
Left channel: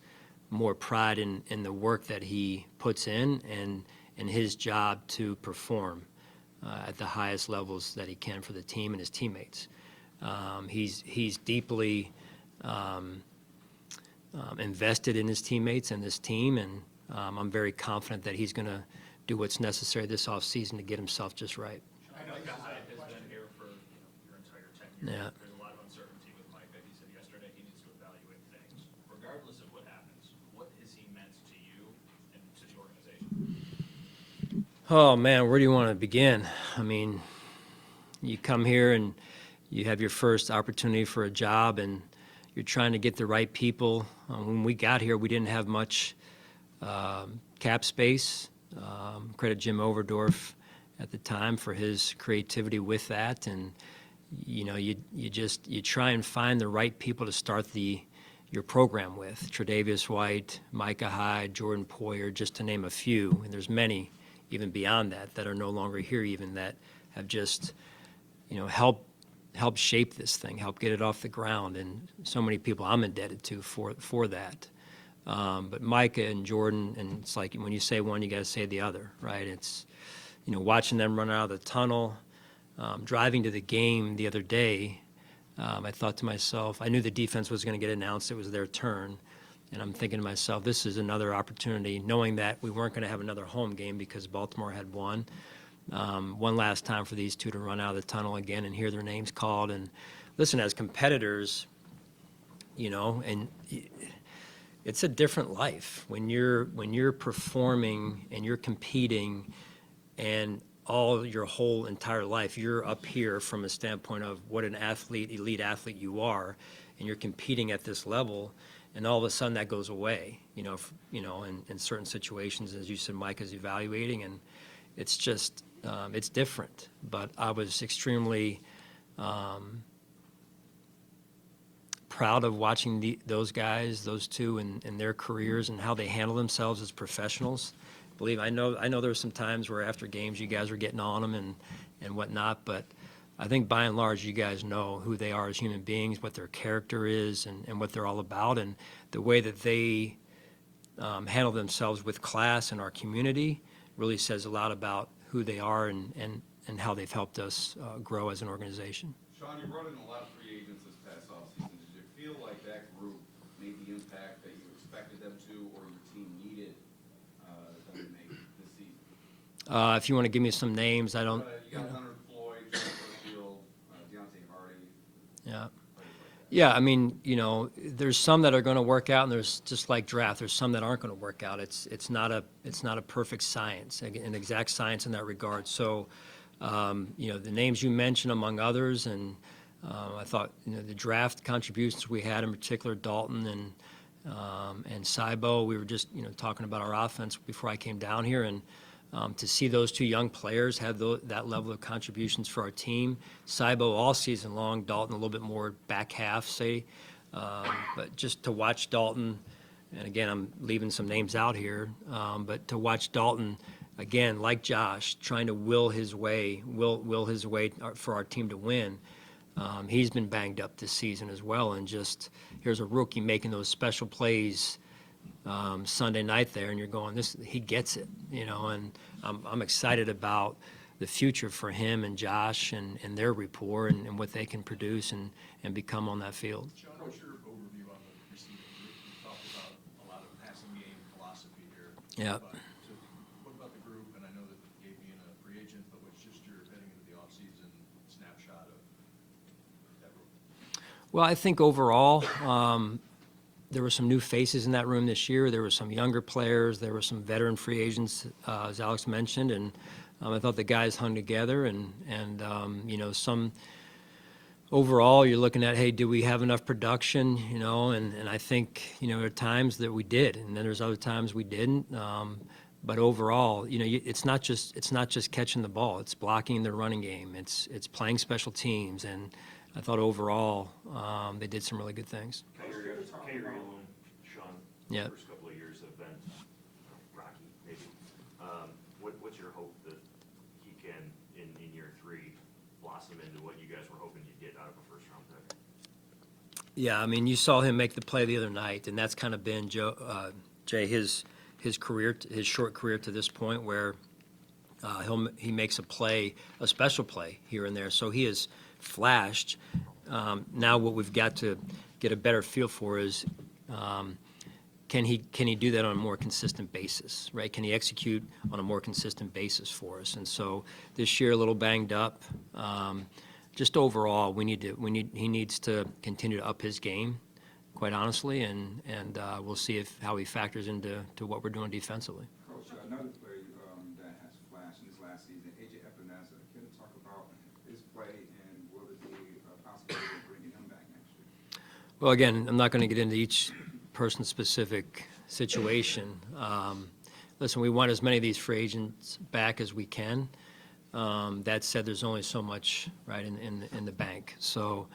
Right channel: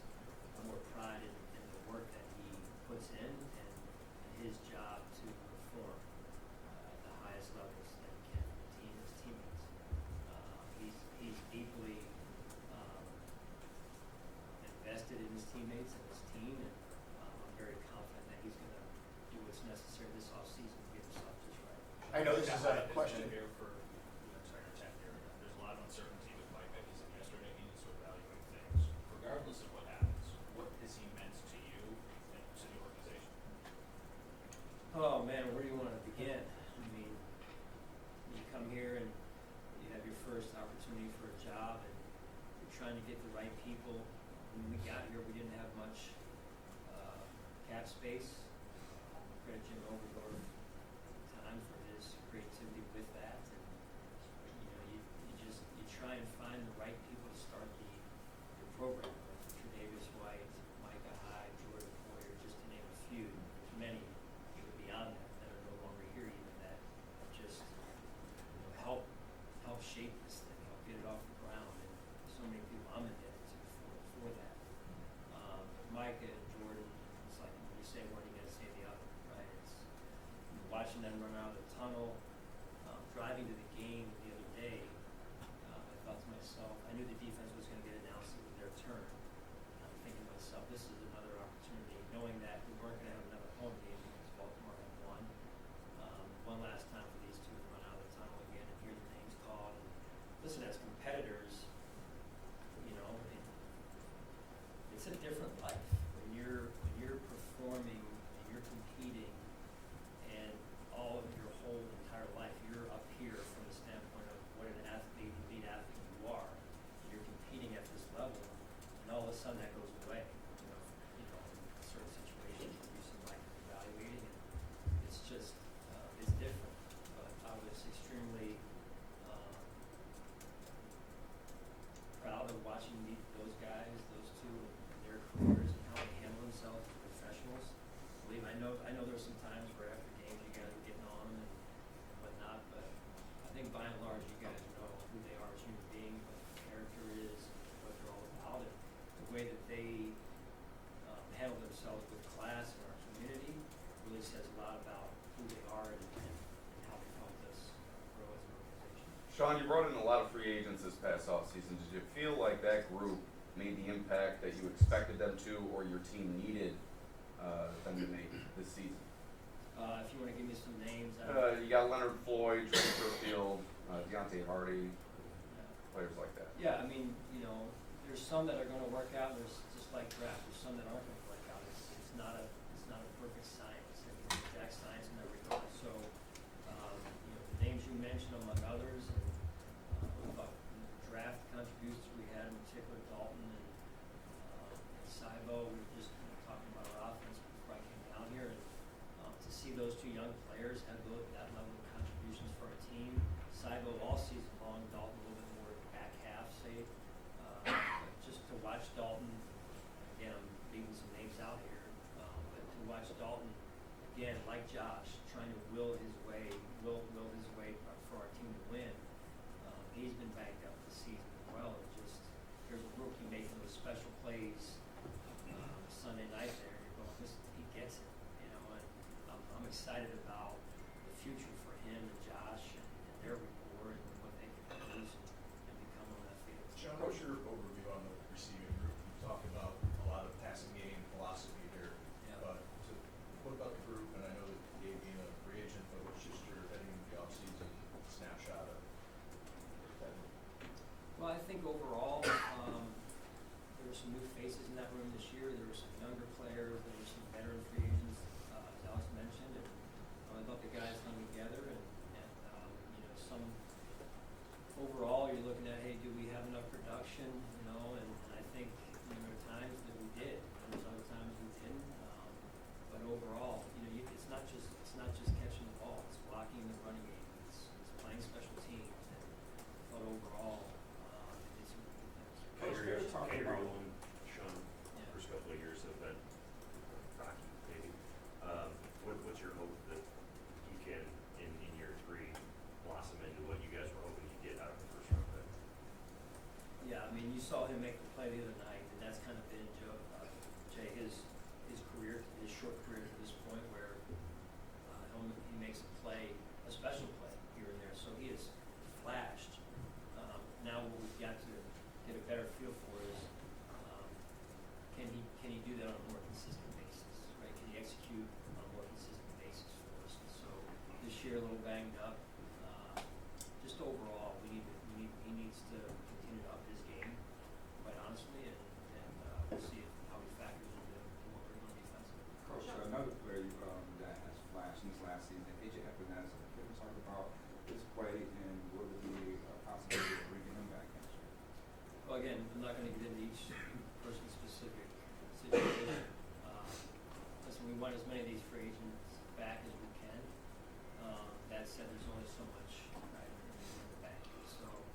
more pride in the work that he puts in and his job to perform at the highest levels that he can for the team and his teammates. He's deeply invested in his teammates and this team, and I'm very confident that he's going to do what's necessary this offseason to get himself just right. I know this is a question. Here for your entire tenure. Yeah. There's a lot of uncertainty with Mike. He said yesterday he needs to evaluate things. Regardless of what happens, what has he meant to you and to the organization? Oh, man, where do you want to begin? I mean, you come here and you have your first opportunity for a job, and you're trying to get the right people. When we got here, we didn't have much cap space. Credit Jim Overdorf at the time for his creativity with that, and you try and find the right people to start your program with. Tre'Davious White, Micah Hyde, Jordan Poyer, just to name a few, and there's many even beyond that are no longer here, even that have just helped shape this thing, help get it off the ground, and so many people I'm indebted to for that. But Micah and Jordan, and it's like when you say one, you got to say the other, right? It's watching them run out of the tunnel, driving to the game the other day. I thought to myself, I knew the defense was going to get announced; it was their turn, and I'm thinking to myself, this is another opportunity, knowing that we weren't going to have another home game because Baltimore had won. One last time for these two to run out of the tunnel again and hear their names called. And listen, as competitors, and it's a different life when you're performing and you're competing, and all your whole entire life you're up here from a standpoint of what an elite athlete you are, and you're competing at this level, and all of a sudden that goes away. In certain situations, as you said, Mike is evaluating, and it's just. It's different, but I was extremely proud of watching those guys, those two, and their careers and how they handle themselves as professionals. I know there were some times where after games you guys were getting on them and whatnot, but I think by and large you guys know who they are as human beings, what their character is, and what they're all about, and the way that they handle themselves with class in our community really says a lot about who they are and how they've helped us grow as an organization. Sean, you brought in a lot of free agents this past offseason. Did you feel like that group made the impact that you expected them to, or your team needed them to make this season? If you want to give me some names, You got Leonard Floyd, Trey Field, Deontay Hardy, yeah. players like that. Yeah, I mean, there's some that are going to work out, and there's just like draft. There's some that aren't going to work out. It's not a perfect science, an exact science in that regard. So, the names you mentioned among others, and I thought the draft contributions we had, in particular Dalton and Saibo. We were just talking about our offense before I came down here, and to see those two young players have that level of contributions for our team. Saibo all season long, Dalton a little bit more back half, say. But just to watch Dalton, and again, I'm leaving some names out here, but to watch Dalton, again, like Josh, trying to will his way for our team to win. He's been banged up this season as well, and just here's a rookie making those special plays Sunday night there, and you're going, he gets it, and I'm excited about the future for him and Josh and their rapport and what they can produce and become on that field. Sean, what's your overview on the receiving group? You talked about a lot of passing game philosophy there. Yeah. So what about the group? And I know that Gabe being a free agent, but what's just your heading into the offseason snapshot of that group? Well, I think overall, there were some new faces in that room this year. There were some younger players. There were some veteran free agents, as Alex mentioned, and I thought the guys hung together. And some overall, you're looking at, hey, did we have enough production? And I think there are times that we did, and then there's other times we didn't. But overall, it's not just catching the ball. It's blocking the running game. It's playing special teams, and I thought overall they did some really good things. Gabriel and Sean, Yeah. the first couple of years have been rocky, maybe. What's your hope that he can, in year 3, blossom into what you guys were hoping you'd get out of a first-round pick? Yeah, I mean, you saw him make the play the other night, and that's kind of been Jay, his career, his short career to this point, where he makes a special play here and there. So he has flashed. Now what we've got to get a better feel for is can he do that on a more consistent basis, right? Can he execute on a more consistent basis for us? And so this year a little banged up. Just overall, he needs to continue to up his game, quite honestly, and we'll see how he factors into what we're doing defensively. Coach, another player that has flashed in his last season, AJ Epinesa. Can you talk about his play and what is the possibility of bringing him back next year? Well, again, I'm not going to get into each person's specific situation. Listen, we want as many of these free agents back as we can. That said, there's only so much right in the bank. So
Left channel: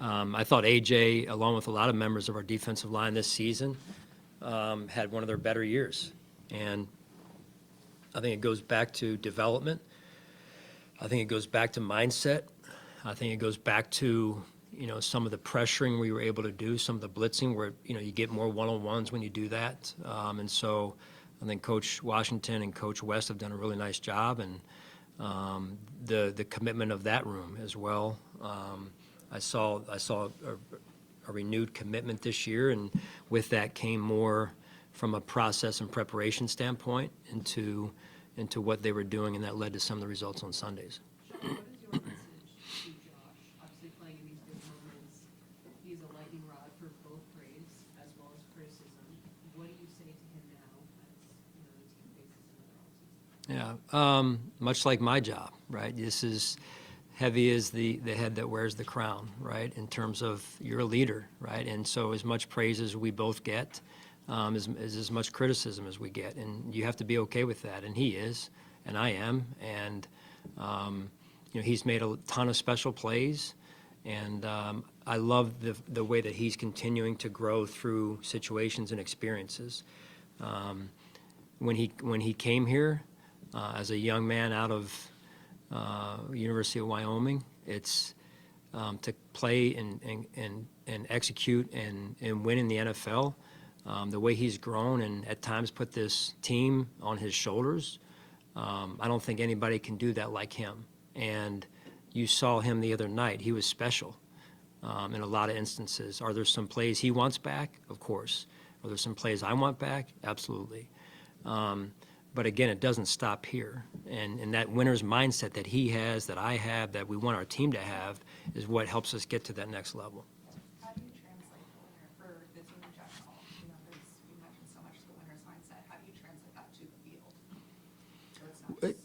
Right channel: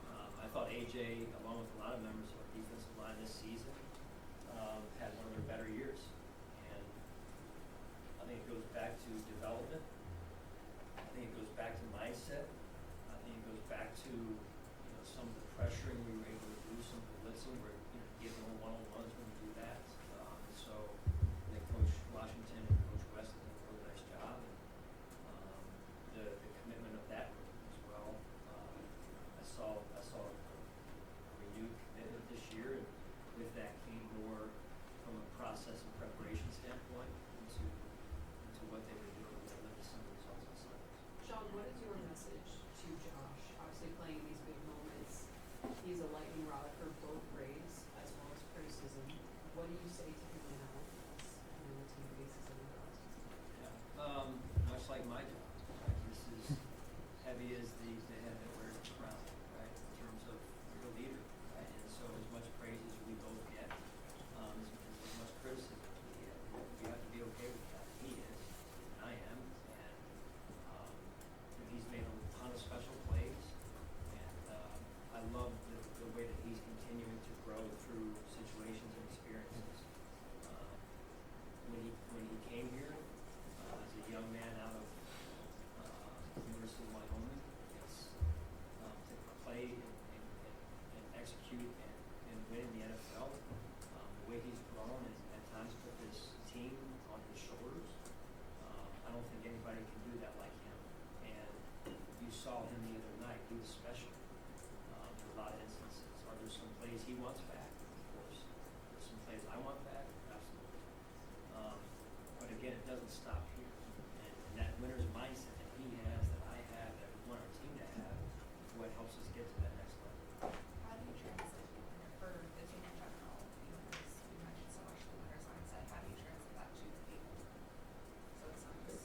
I thought AJ, along with a lot of members of our defensive line this season, had one of their better years. And I think it goes back to development. I think it goes back to mindset. I think it goes back to some of the pressuring we were able to do, some of the blitzing where you get more one-on-ones when you do that. And so I think Coach Washington and Coach West have done a really nice job, and the commitment of that room as well. I saw a renewed commitment this year, and with that came more from a process and preparation standpoint into what they were doing, and that led to some of the results on Sundays. Sean, what is your message to Josh? Obviously playing in these big moments, he's a lightning rod for both praise as well as criticism. What do you say to him now when the team faces him in the offseason? Yeah, much like my job, right? This is heavy as the head that wears the crown, right? In terms of you're a leader, right? And so as much praise as we both get, is as much criticism as we get, and you have to be okay with that. And he is, and I am, and he's made a ton of special plays, and I love the way that he's continuing to grow through situations and experiences. When he came here as a young man out of University of Wyoming, it's to play and execute and win in the NFL. The way he's grown and at times put this team on his shoulders, I don't think anybody can do that like him. And you saw him the other night. He was special in a lot of instances. Are there some plays he wants back? Of course. Are there some plays I want back? Absolutely. But again, it doesn't stop here. And that winner's mindset that he has, that I have, that we want our team to have, is what helps us get to that next level.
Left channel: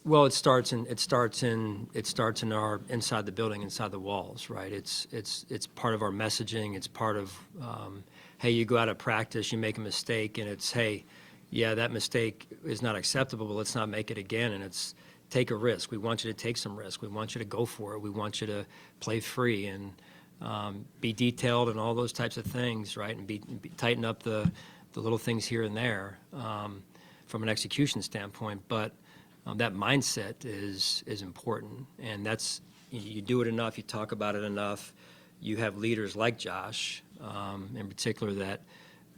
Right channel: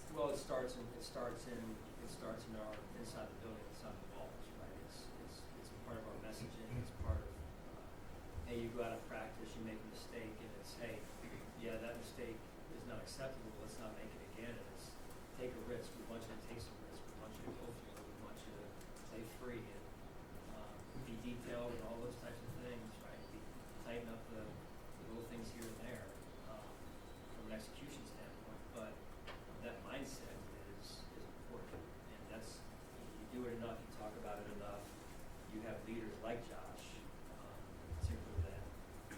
Well, it starts in our inside the building, inside the walls, right? It's part of our messaging. It's part of, hey, you go out of practice, you make a mistake, and it's, hey, yeah, that mistake is not acceptable, but let's not make it again. And it's take a risk. We want you to take some risk. We want you to go for it. We want you to play free and be detailed and all those types of things, right? And tighten up the little things here and there from an execution standpoint. But that mindset is important, and that's you do it enough, you talk about it enough. You have leaders like Josh, in particular,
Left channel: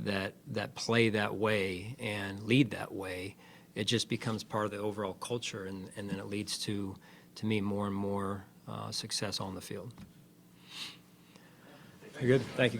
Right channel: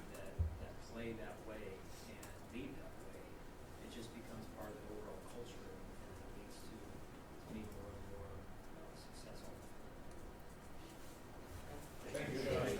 that play that way and lead that way. It just becomes part of the overall culture, and then it leads to me more and more success on the field. You're good. Thank you.